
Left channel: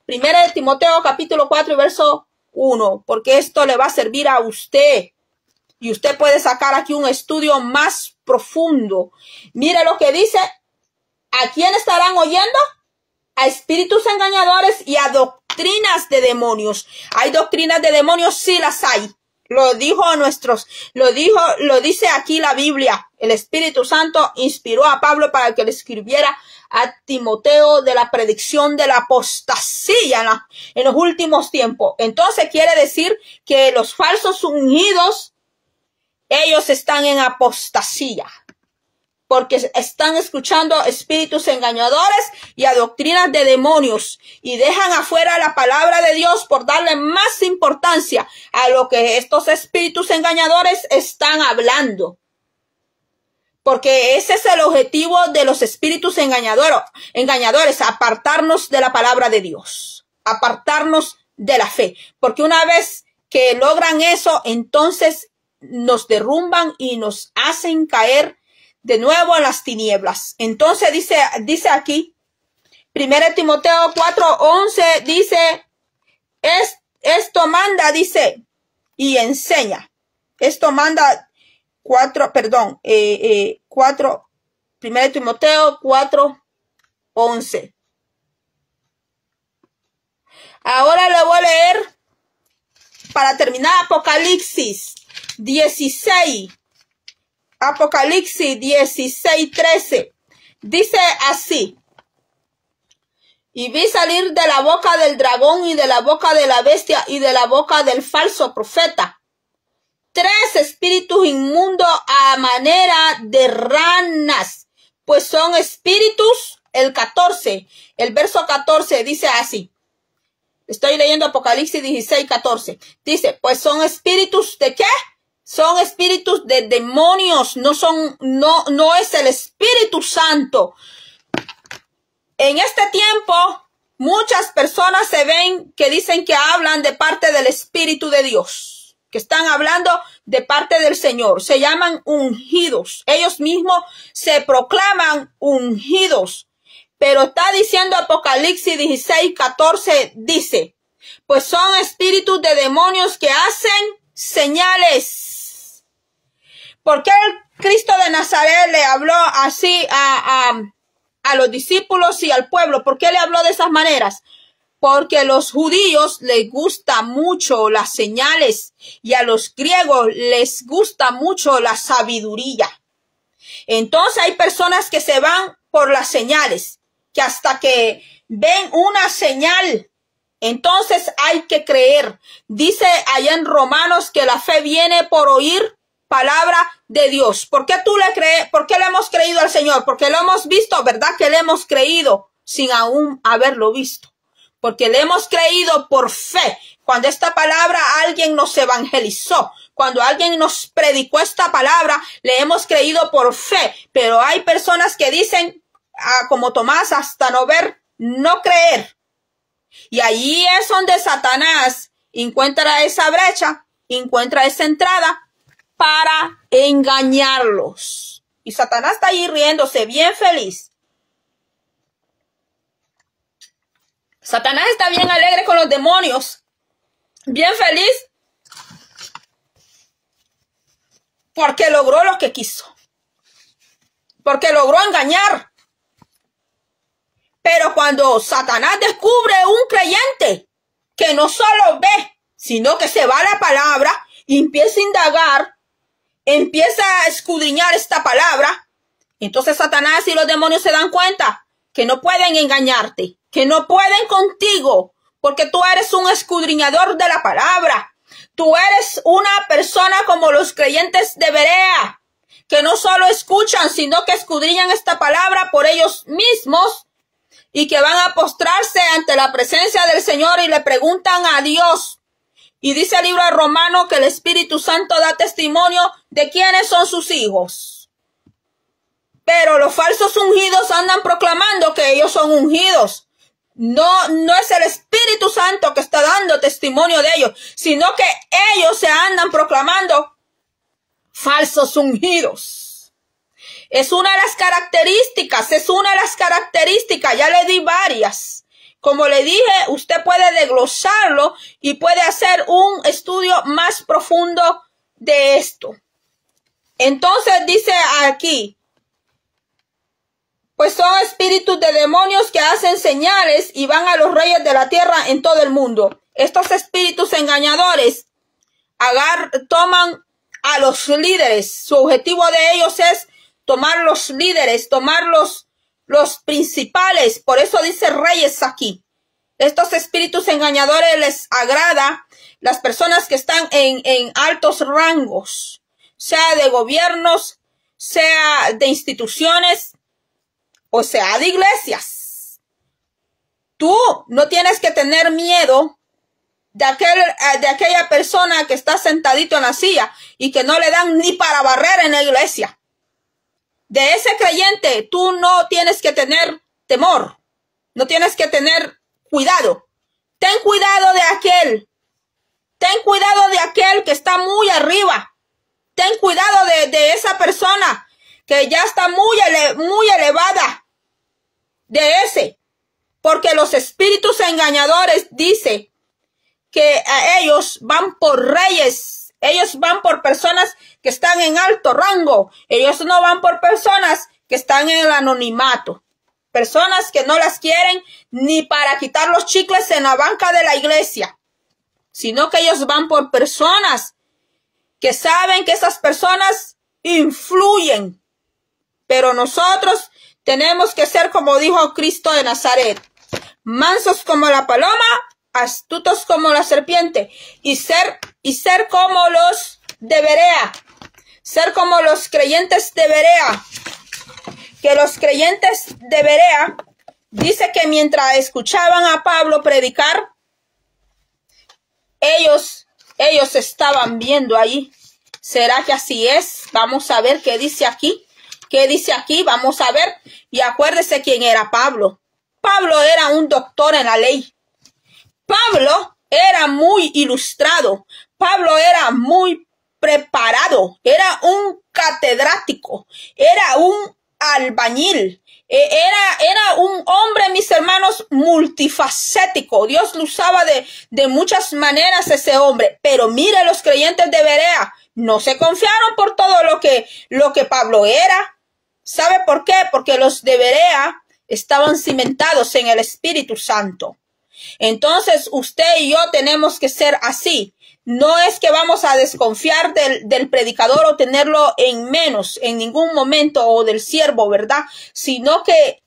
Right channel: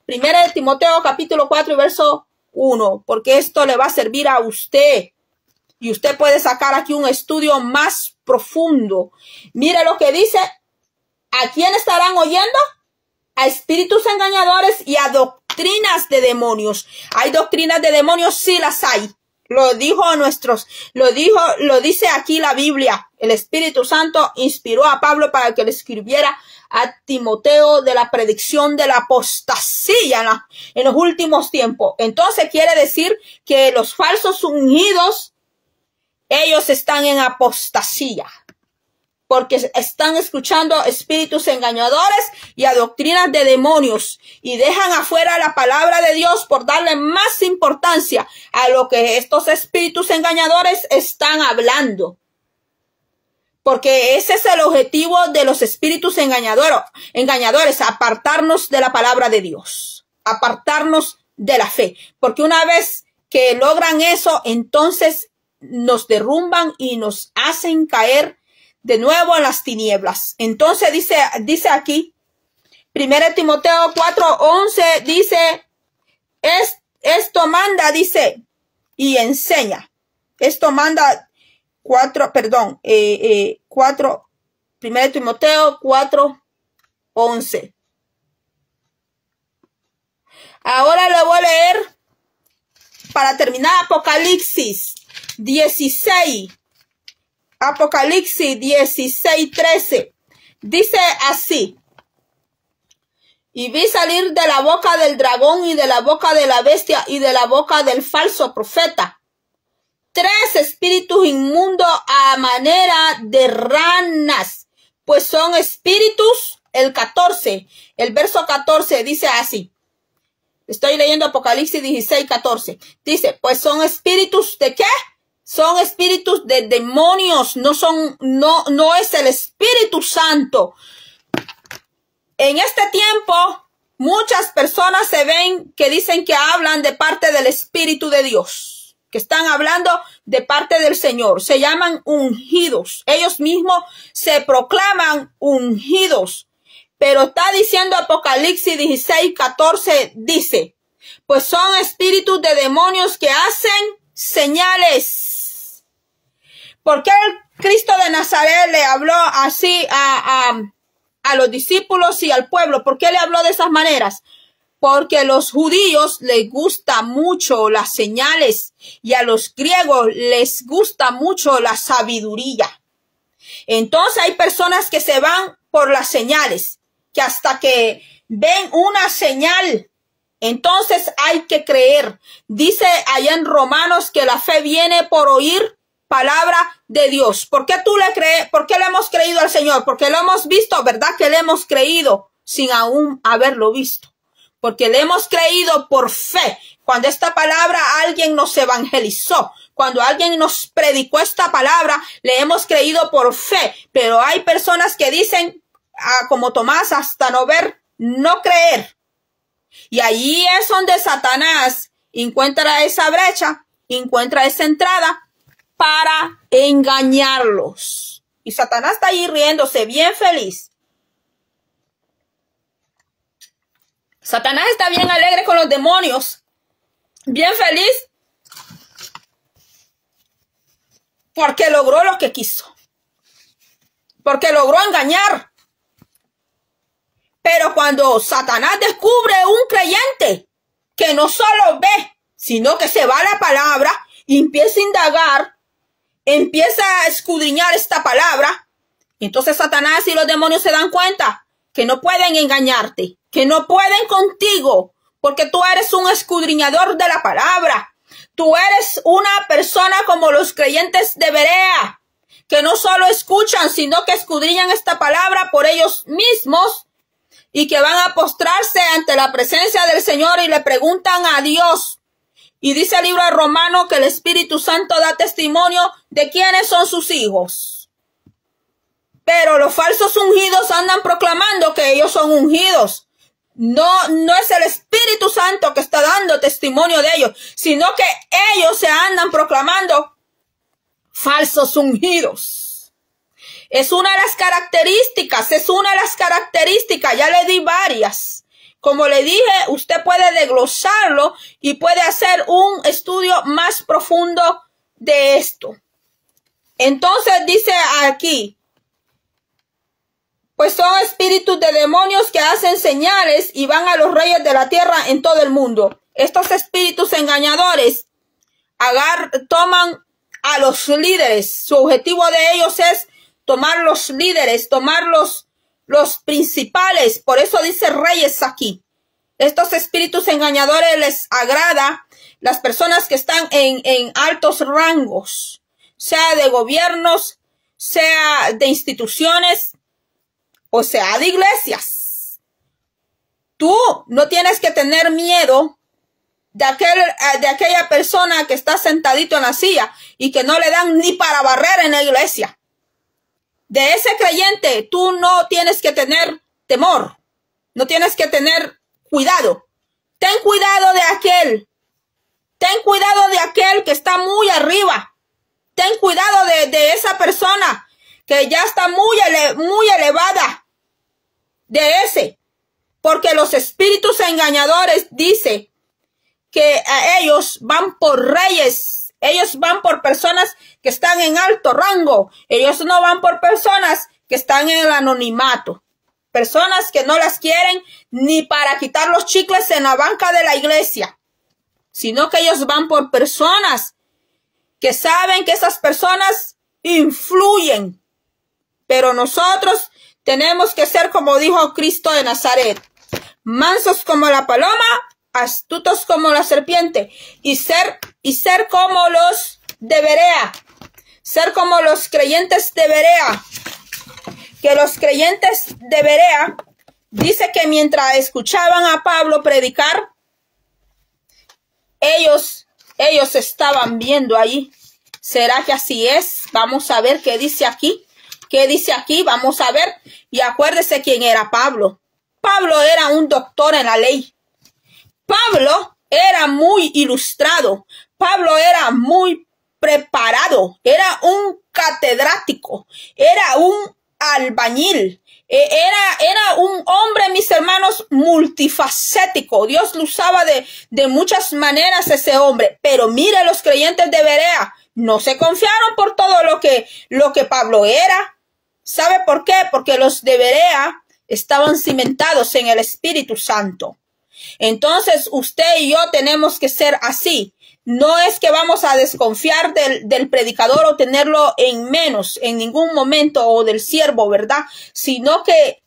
Primera de Timoteo capítulo 4 y verso 1. Porque esto le va a servir a usted. Y usted puede sacar aquí un estudio más profundo. Mire lo que dice. ¿A quién estarán oyendo? A espíritus engañadores y a doctrinas de demonios. ¿Hay doctrinas de demonios? Sí las hay. Lo dice aquí la Biblia. El Espíritu Santo inspiró a Pablo para que le escribiera a Timoteo de la predicción de la apostasía en los últimos tiempos. Entonces quiere decir que los falsos ungidos, ellos están en apostasía, porque están escuchando espíritus engañadores y a doctrinas de demonios y dejan afuera la palabra de Dios por darle más importancia a lo que estos espíritus engañadores están hablando. Porque ese es el objetivo de los espíritus engañadores, apartarnos de la palabra de Dios, apartarnos de la fe. Porque una vez que logran eso, entonces nos derrumban y nos hacen caer de nuevo en las tinieblas. Entonces dice aquí, 1 Timoteo 4:11 dice, esto manda, dice, y enseña. Esto manda 1 Timoteo 4:11. Ahora le voy a leer, para terminar, Apocalipsis 16. Apocalipsis 16:13. Dice así. Y vi salir de la boca del dragón y de la boca de la bestia y de la boca del falso profeta 3 espíritus inmundos a manera de ranas, pues son espíritus, el verso 14 dice así. Estoy leyendo Apocalipsis 16:14. Dice, pues son espíritus ¿de qué? Son espíritus de demonios, no es el Espíritu Santo. En este tiempo, muchas personas se ven que dicen que hablan de parte del Espíritu de Dios, que están hablando de parte del Señor. Se llaman ungidos. Ellos mismos se proclaman ungidos. Pero está diciendo Apocalipsis 16:14, dice, pues son espíritus de demonios que hacen señales. ¿Por qué el Cristo de Nazaret le habló así a los discípulos y al pueblo? ¿Por qué le habló de esas maneras? Porque a los judíos les gusta mucho las señales y a los griegos les gusta mucho la sabiduría. Entonces hay personas que se van por las señales, que hasta que ven una señal, entonces hay que creer. Dice allá en Romanos que la fe viene por oír palabra de Dios. ¿Por qué tú le crees? ¿Por qué le hemos creído al Señor? Porque lo hemos visto, ¿verdad? Que le hemos creído sin aún haberlo visto. Porque le hemos creído por fe. Cuando esta palabra alguien nos evangelizó, cuando alguien nos predicó esta palabra, le hemos creído por fe. Pero hay personas que dicen, como Tomás, hasta no ver, no creer. Y allí es donde Satanás encuentra esa brecha, encuentra esa entrada para engañarlos. Y Satanás está allí riéndose, bien feliz. Satanás está bien alegre con los demonios, bien feliz, porque logró lo que quiso, porque logró engañar. Pero cuando Satanás descubre un creyente que no solo ve, sino que se va a la palabra y empieza a indagar, empieza a escudriñar esta palabra, entonces Satanás y los demonios se dan cuenta que no pueden engañarte, que no pueden contigo, porque tú eres un escudriñador de la palabra. Tú eres una persona como los creyentes de Berea, que no solo escuchan, sino que escudriñan esta palabra por ellos mismos y que van a postrarse ante la presencia del Señor y le preguntan a Dios. Y dice el libro de Romanos que el Espíritu Santo da testimonio de quiénes son sus hijos. Pero los falsos ungidos andan proclamando que ellos son ungidos. No es el Espíritu Santo que está dando testimonio de ellos, sino que ellos se andan proclamando falsos ungidos. Es una de las características, ya le di varias. Como le dije, usted puede desglosarlo y puede hacer un estudio más profundo de esto. Entonces dice aquí, pues son espíritus de demonios que hacen señales y van a los reyes de la tierra en todo el mundo. Estos espíritus engañadores toman a los líderes. Su objetivo de ellos es tomar los líderes, tomar los principales. Por eso dice reyes aquí. Estos espíritus engañadores les agrada las personas que están en altos rangos, sea de gobiernos, sea de instituciones, o sea, de iglesias. Tú no tienes que tener miedo de aquella persona que está sentadito en la silla y que no le dan ni para barrer en la iglesia. De ese creyente tú no tienes que tener temor, no tienes que tener cuidado. Ten cuidado de aquel. Ten cuidado de aquel que está muy arriba. Ten cuidado de esa persona que ya está muy elevada. De ese, porque los espíritus engañadores dice que a ellos van por reyes, ellos van por personas que están en alto rango, ellos no van por personas que están en el anonimato, personas que no las quieren ni para quitar los chicles en la banca de la iglesia, sino que ellos van por personas que saben que esas personas influyen, pero nosotros tenemos que ser como dijo Cristo de Nazaret, mansos como la paloma, astutos como la serpiente, y ser como los de Berea, ser como los creyentes de Berea, que los creyentes de Berea, dice que mientras escuchaban a Pablo predicar, ellos estaban viendo ahí. ¿Será que así es? Vamos a ver qué dice aquí. ¿Qué dice aquí? Vamos a ver. Y acuérdese quién era Pablo. Pablo era un doctor en la ley. Pablo era muy ilustrado. Pablo era muy preparado. Era un catedrático. Era un albañil. Era un hombre, mis hermanos, multifacético. Dios lo usaba de muchas maneras ese hombre. Pero mire, los creyentes de Berea no se confiaron por todo lo que Pablo era. ¿Sabe por qué? Porque los de Berea estaban cimentados en el Espíritu Santo. Entonces, usted y yo tenemos que ser así. No es que vamos a desconfiar del predicador o tenerlo en menos en ningún momento, o del siervo, ¿verdad? Sino que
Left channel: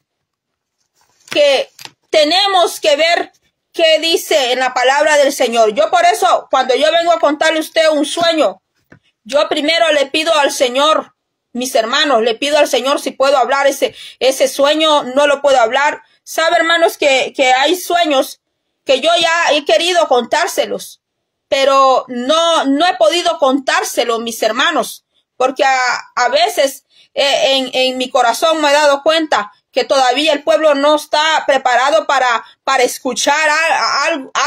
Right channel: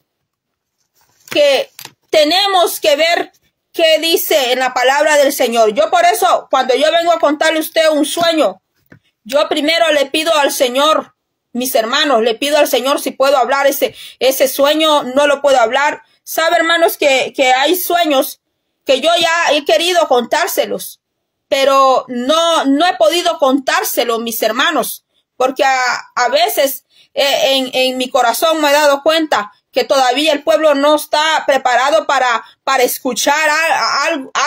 tenemos que ver qué dice en la palabra del Señor. Yo por eso, cuando yo vengo a contarle a usted un sueño, yo primero le pido al Señor, mis hermanos, le pido al Señor si puedo hablar ese sueño, no lo puedo hablar. Sabe, hermanos, que hay sueños que yo ya he querido contárselos, pero no he podido contárselo, mis hermanos, porque a veces en mi corazón me he dado cuenta que todavía el pueblo no está preparado para escuchar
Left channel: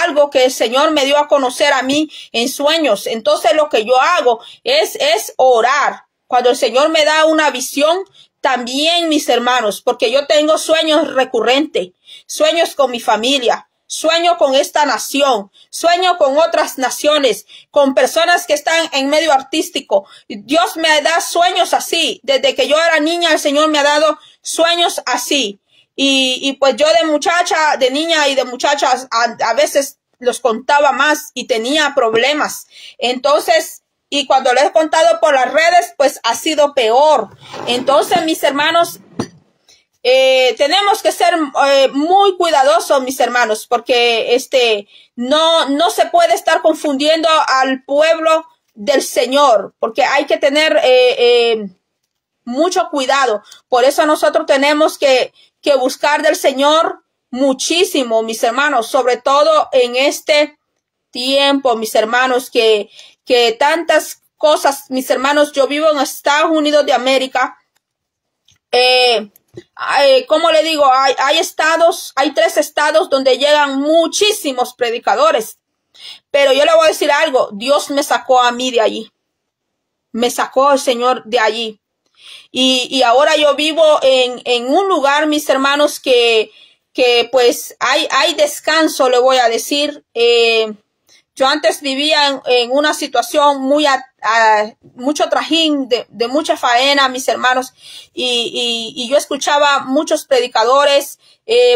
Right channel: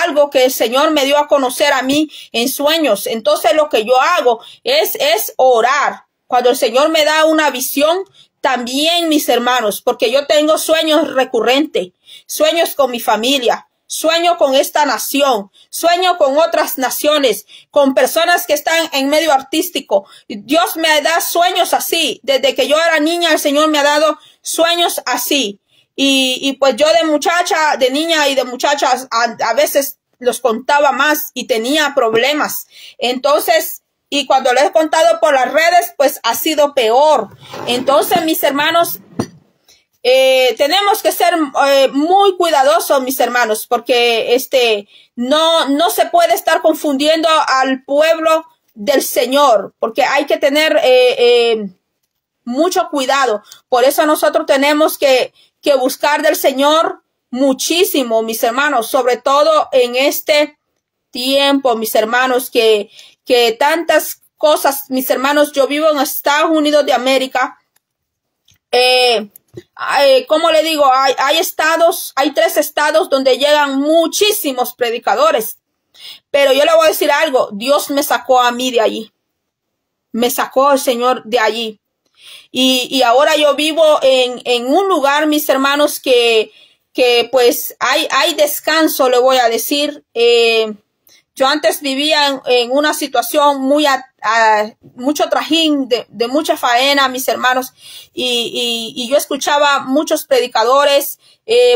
algo que el Señor me dio a conocer a mí en sueños. Entonces lo que yo hago es orar. Cuando el Señor me da una visión, también, mis hermanos, porque yo tengo sueños recurrentes, sueños con mi familia, sueño con esta nación, sueño con otras naciones, con personas que están en medio artístico. Dios me da sueños así. Desde que yo era niña, el Señor me ha dado sueños así. Y pues yo de niña y de muchachas, a veces los contaba más y tenía problemas. Entonces, y cuando lo he contado por las redes, pues ha sido peor. Entonces, mis hermanos, tenemos que ser muy cuidadosos, mis hermanos, porque no se puede estar confundiendo al pueblo del Señor, porque hay que tener mucho cuidado. Por eso nosotros tenemos que buscar del Señor muchísimo, mis hermanos, sobre todo en este tiempo, mis hermanos, que tantas cosas, mis hermanos, yo vivo en Estados Unidos de América, ¿cómo le digo? Hay estados, hay 3 estados donde llegan muchísimos predicadores. Pero yo le voy a decir algo, Dios me sacó a mí de allí. Me sacó el Señor de allí. Y ahora yo vivo en un lugar, mis hermanos, que pues hay descanso, le voy a decir. Yo antes vivía en una situación mucho trajín, de mucha faena, mis hermanos, y yo escuchaba muchos predicadores,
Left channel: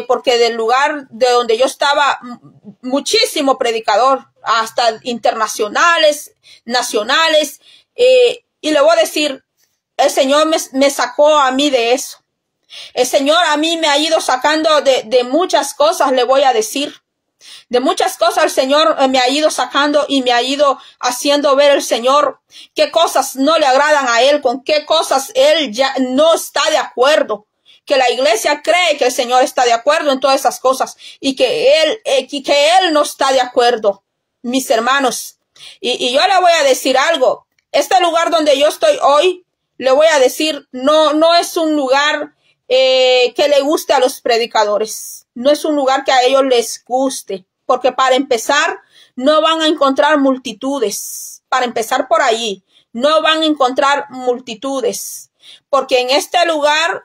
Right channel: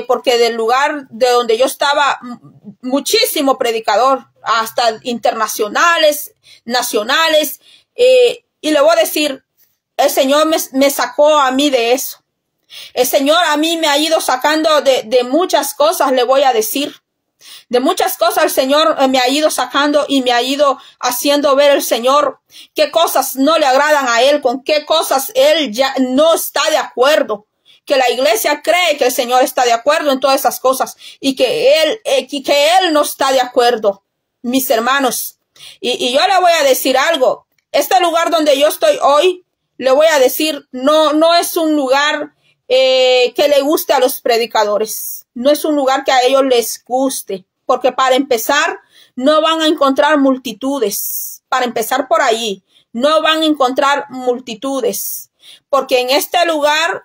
porque del lugar de donde yo estaba, muchísimo predicador, hasta internacionales, nacionales, y le voy a decir, el Señor me sacó a mí de eso. El Señor a mí me ha ido sacando de muchas cosas, le voy a decir. De muchas cosas el Señor me ha ido sacando y me ha ido haciendo ver el Señor qué cosas no le agradan a Él, con qué cosas Él ya no está de acuerdo. Que la iglesia cree que el Señor está de acuerdo en todas esas cosas y que Él no está de acuerdo, mis hermanos. Y yo le voy a decir algo. Este lugar donde yo estoy hoy, le voy a decir, no es un lugar que le guste a los predicadores. No es un lugar que a ellos les guste. Porque para empezar, no van a encontrar multitudes. Para empezar por ahí, no van a encontrar multitudes. Porque en este lugar,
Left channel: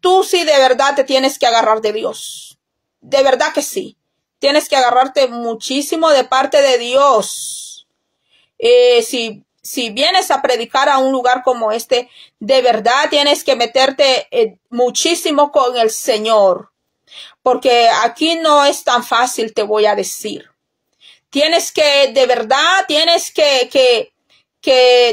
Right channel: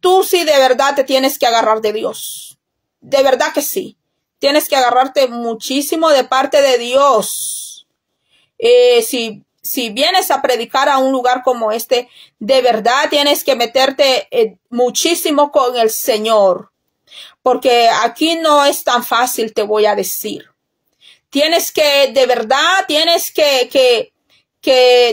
tú sí de verdad te tienes que agarrar de Dios. De verdad que sí. Tienes que agarrarte muchísimo de parte de Dios. Si vienes a predicar a un lugar como este, de verdad tienes que meterte muchísimo con el Señor. Porque aquí no es tan fácil, te voy a decir. Tienes que, de verdad, tienes que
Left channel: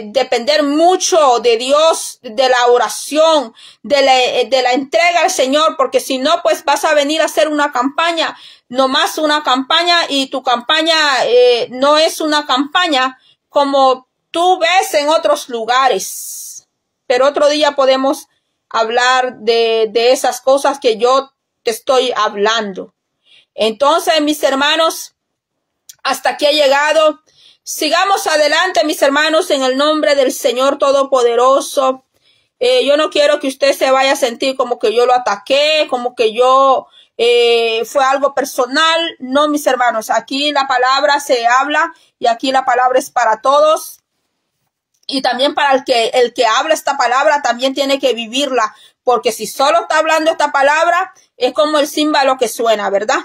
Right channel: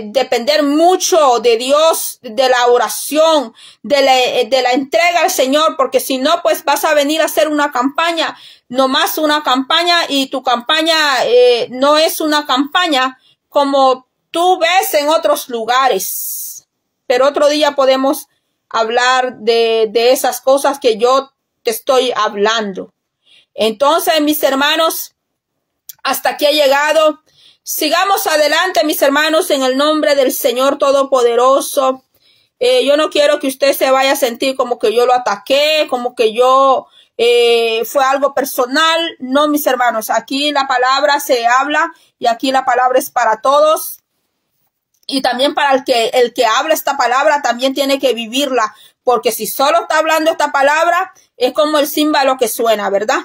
depender mucho de Dios, de la oración, de la entrega al Señor, porque si no, pues vas a venir a hacer una campaña, nomás una campaña, y tu campaña no es una campaña como tú ves en otros lugares. Pero otro día podemos hablar de esas cosas que yo te estoy hablando. Entonces, mis hermanos, hasta aquí he llegado. Sigamos adelante, mis hermanos, en el nombre del Señor Todopoderoso. Yo no quiero que usted se vaya a sentir como que yo lo ataqué, como que yo fue algo personal. No, mis hermanos, aquí la palabra se habla y aquí la palabra es para todos. Y también para el que habla esta palabra también tiene que vivirla. Porque si solo está hablando esta palabra, es como el címbalo que suena, ¿verdad?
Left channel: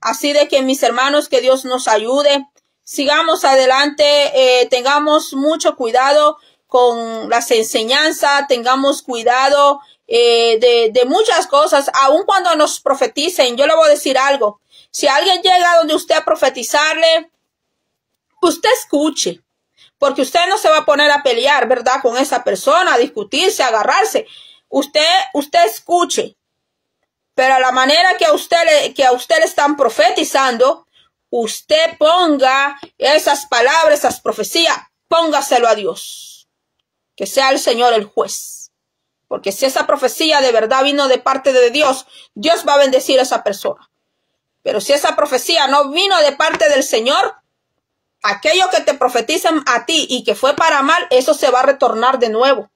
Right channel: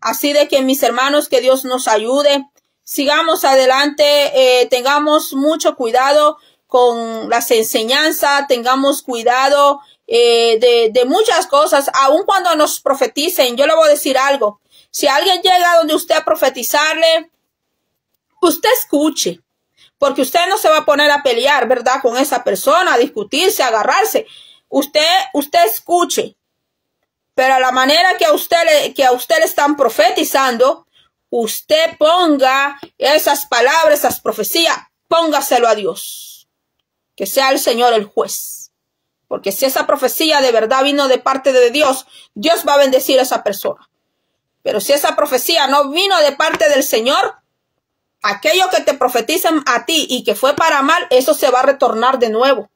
Así de que, mis hermanos, que Dios nos ayude. Sigamos adelante, tengamos mucho cuidado con las enseñanzas, tengamos cuidado de muchas cosas, aun cuando nos profeticen. Yo le voy a decir algo. Si alguien llega donde usted a profetizarle, usted escuche. Porque usted no se va a poner a pelear, ¿verdad? Con esa persona, a discutirse, a agarrarse. Usted escuche, pero a la manera que a usted le están profetizando, usted ponga esas palabras, esas profecías, póngaselo a Dios, que sea el Señor el juez, porque si esa profecía de verdad vino de parte de Dios, Dios va a bendecir a esa persona. Pero si esa profecía no vino de parte del Señor, aquello que te profetizan a ti y que fue para mal, eso se va a retornar de nuevo.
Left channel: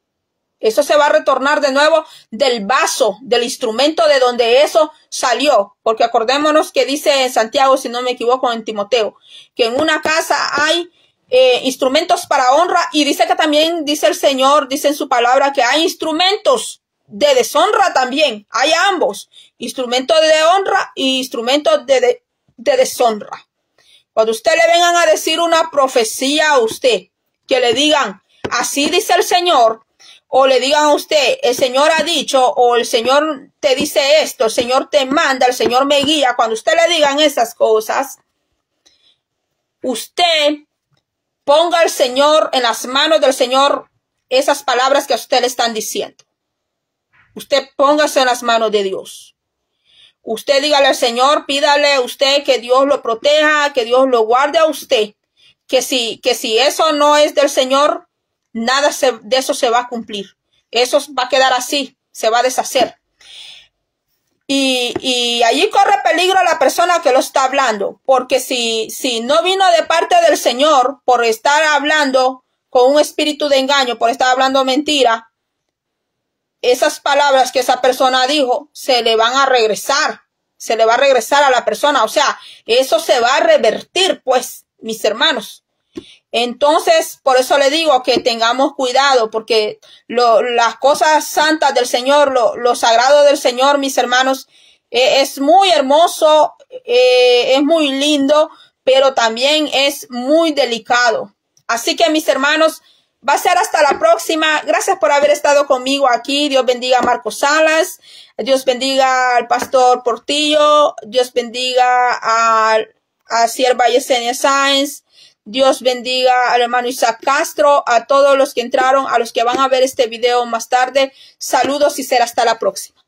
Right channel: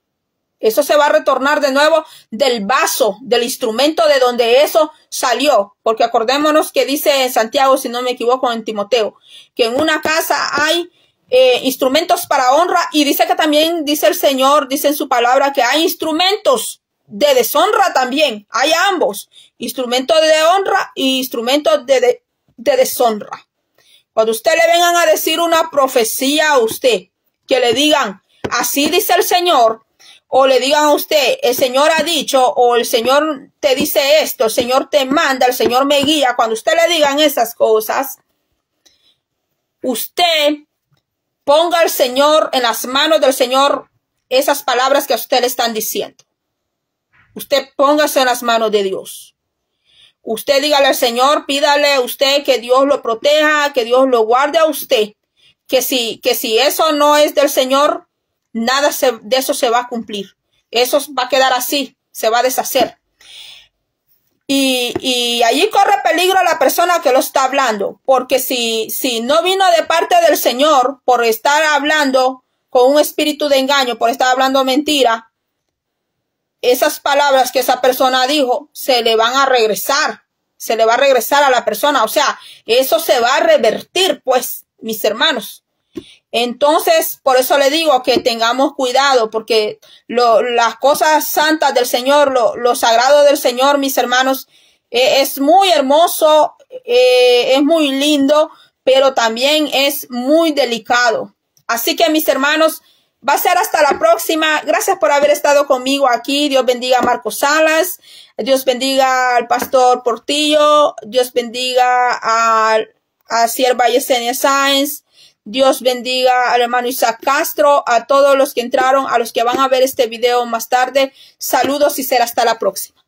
Eso se va a retornar de nuevo del vaso, del instrumento de donde eso salió. Porque acordémonos que dice en Santiago, si no me equivoco, en Timoteo, que en una casa hay instrumentos para honra, y dice que también, dice el Señor, dice en su palabra, que hay instrumentos de deshonra también. Hay ambos, instrumentos de honra y instrumentos de deshonra. Cuando usted le vengan a decir una profecía a usted, que le digan, así dice el Señor, o le digan a usted, el Señor ha dicho, o el Señor te dice esto, el Señor te manda, el Señor me guía. Cuando usted le digan esas cosas, usted ponga al Señor, en las manos del Señor, esas palabras que a usted le están diciendo. Usted póngase en las manos de Dios. Usted dígale al Señor, pídale a usted que Dios lo proteja, que Dios lo guarde a usted. Que si eso no es del Señor, nada de eso se va a cumplir. Eso va a quedar así, se va a deshacer. Y allí corre peligro la persona que lo está hablando, porque si no vino de parte del Señor por estar hablando con un espíritu de engaño, por estar hablando mentira, esas palabras que esa persona dijo se le van a regresar. Se le va a regresar a la persona. O sea, eso se va a revertir, pues, mis hermanos. Entonces, por eso le digo que tengamos cuidado, porque las cosas santas del Señor, lo sagrado del Señor, mis hermanos, es muy hermoso, es muy lindo, pero también es muy delicado. Así que, mis hermanos, va a ser hasta la próxima. Gracias por haber estado conmigo aquí. Dios bendiga a Marcos Salas. Dios bendiga al pastor Portillo. Dios bendiga a sierva Yesenia Sáenz. Dios bendiga al hermano Isaac Castro, a todos los que entraron, a los que van a ver este video más tarde. Saludos y será hasta la próxima.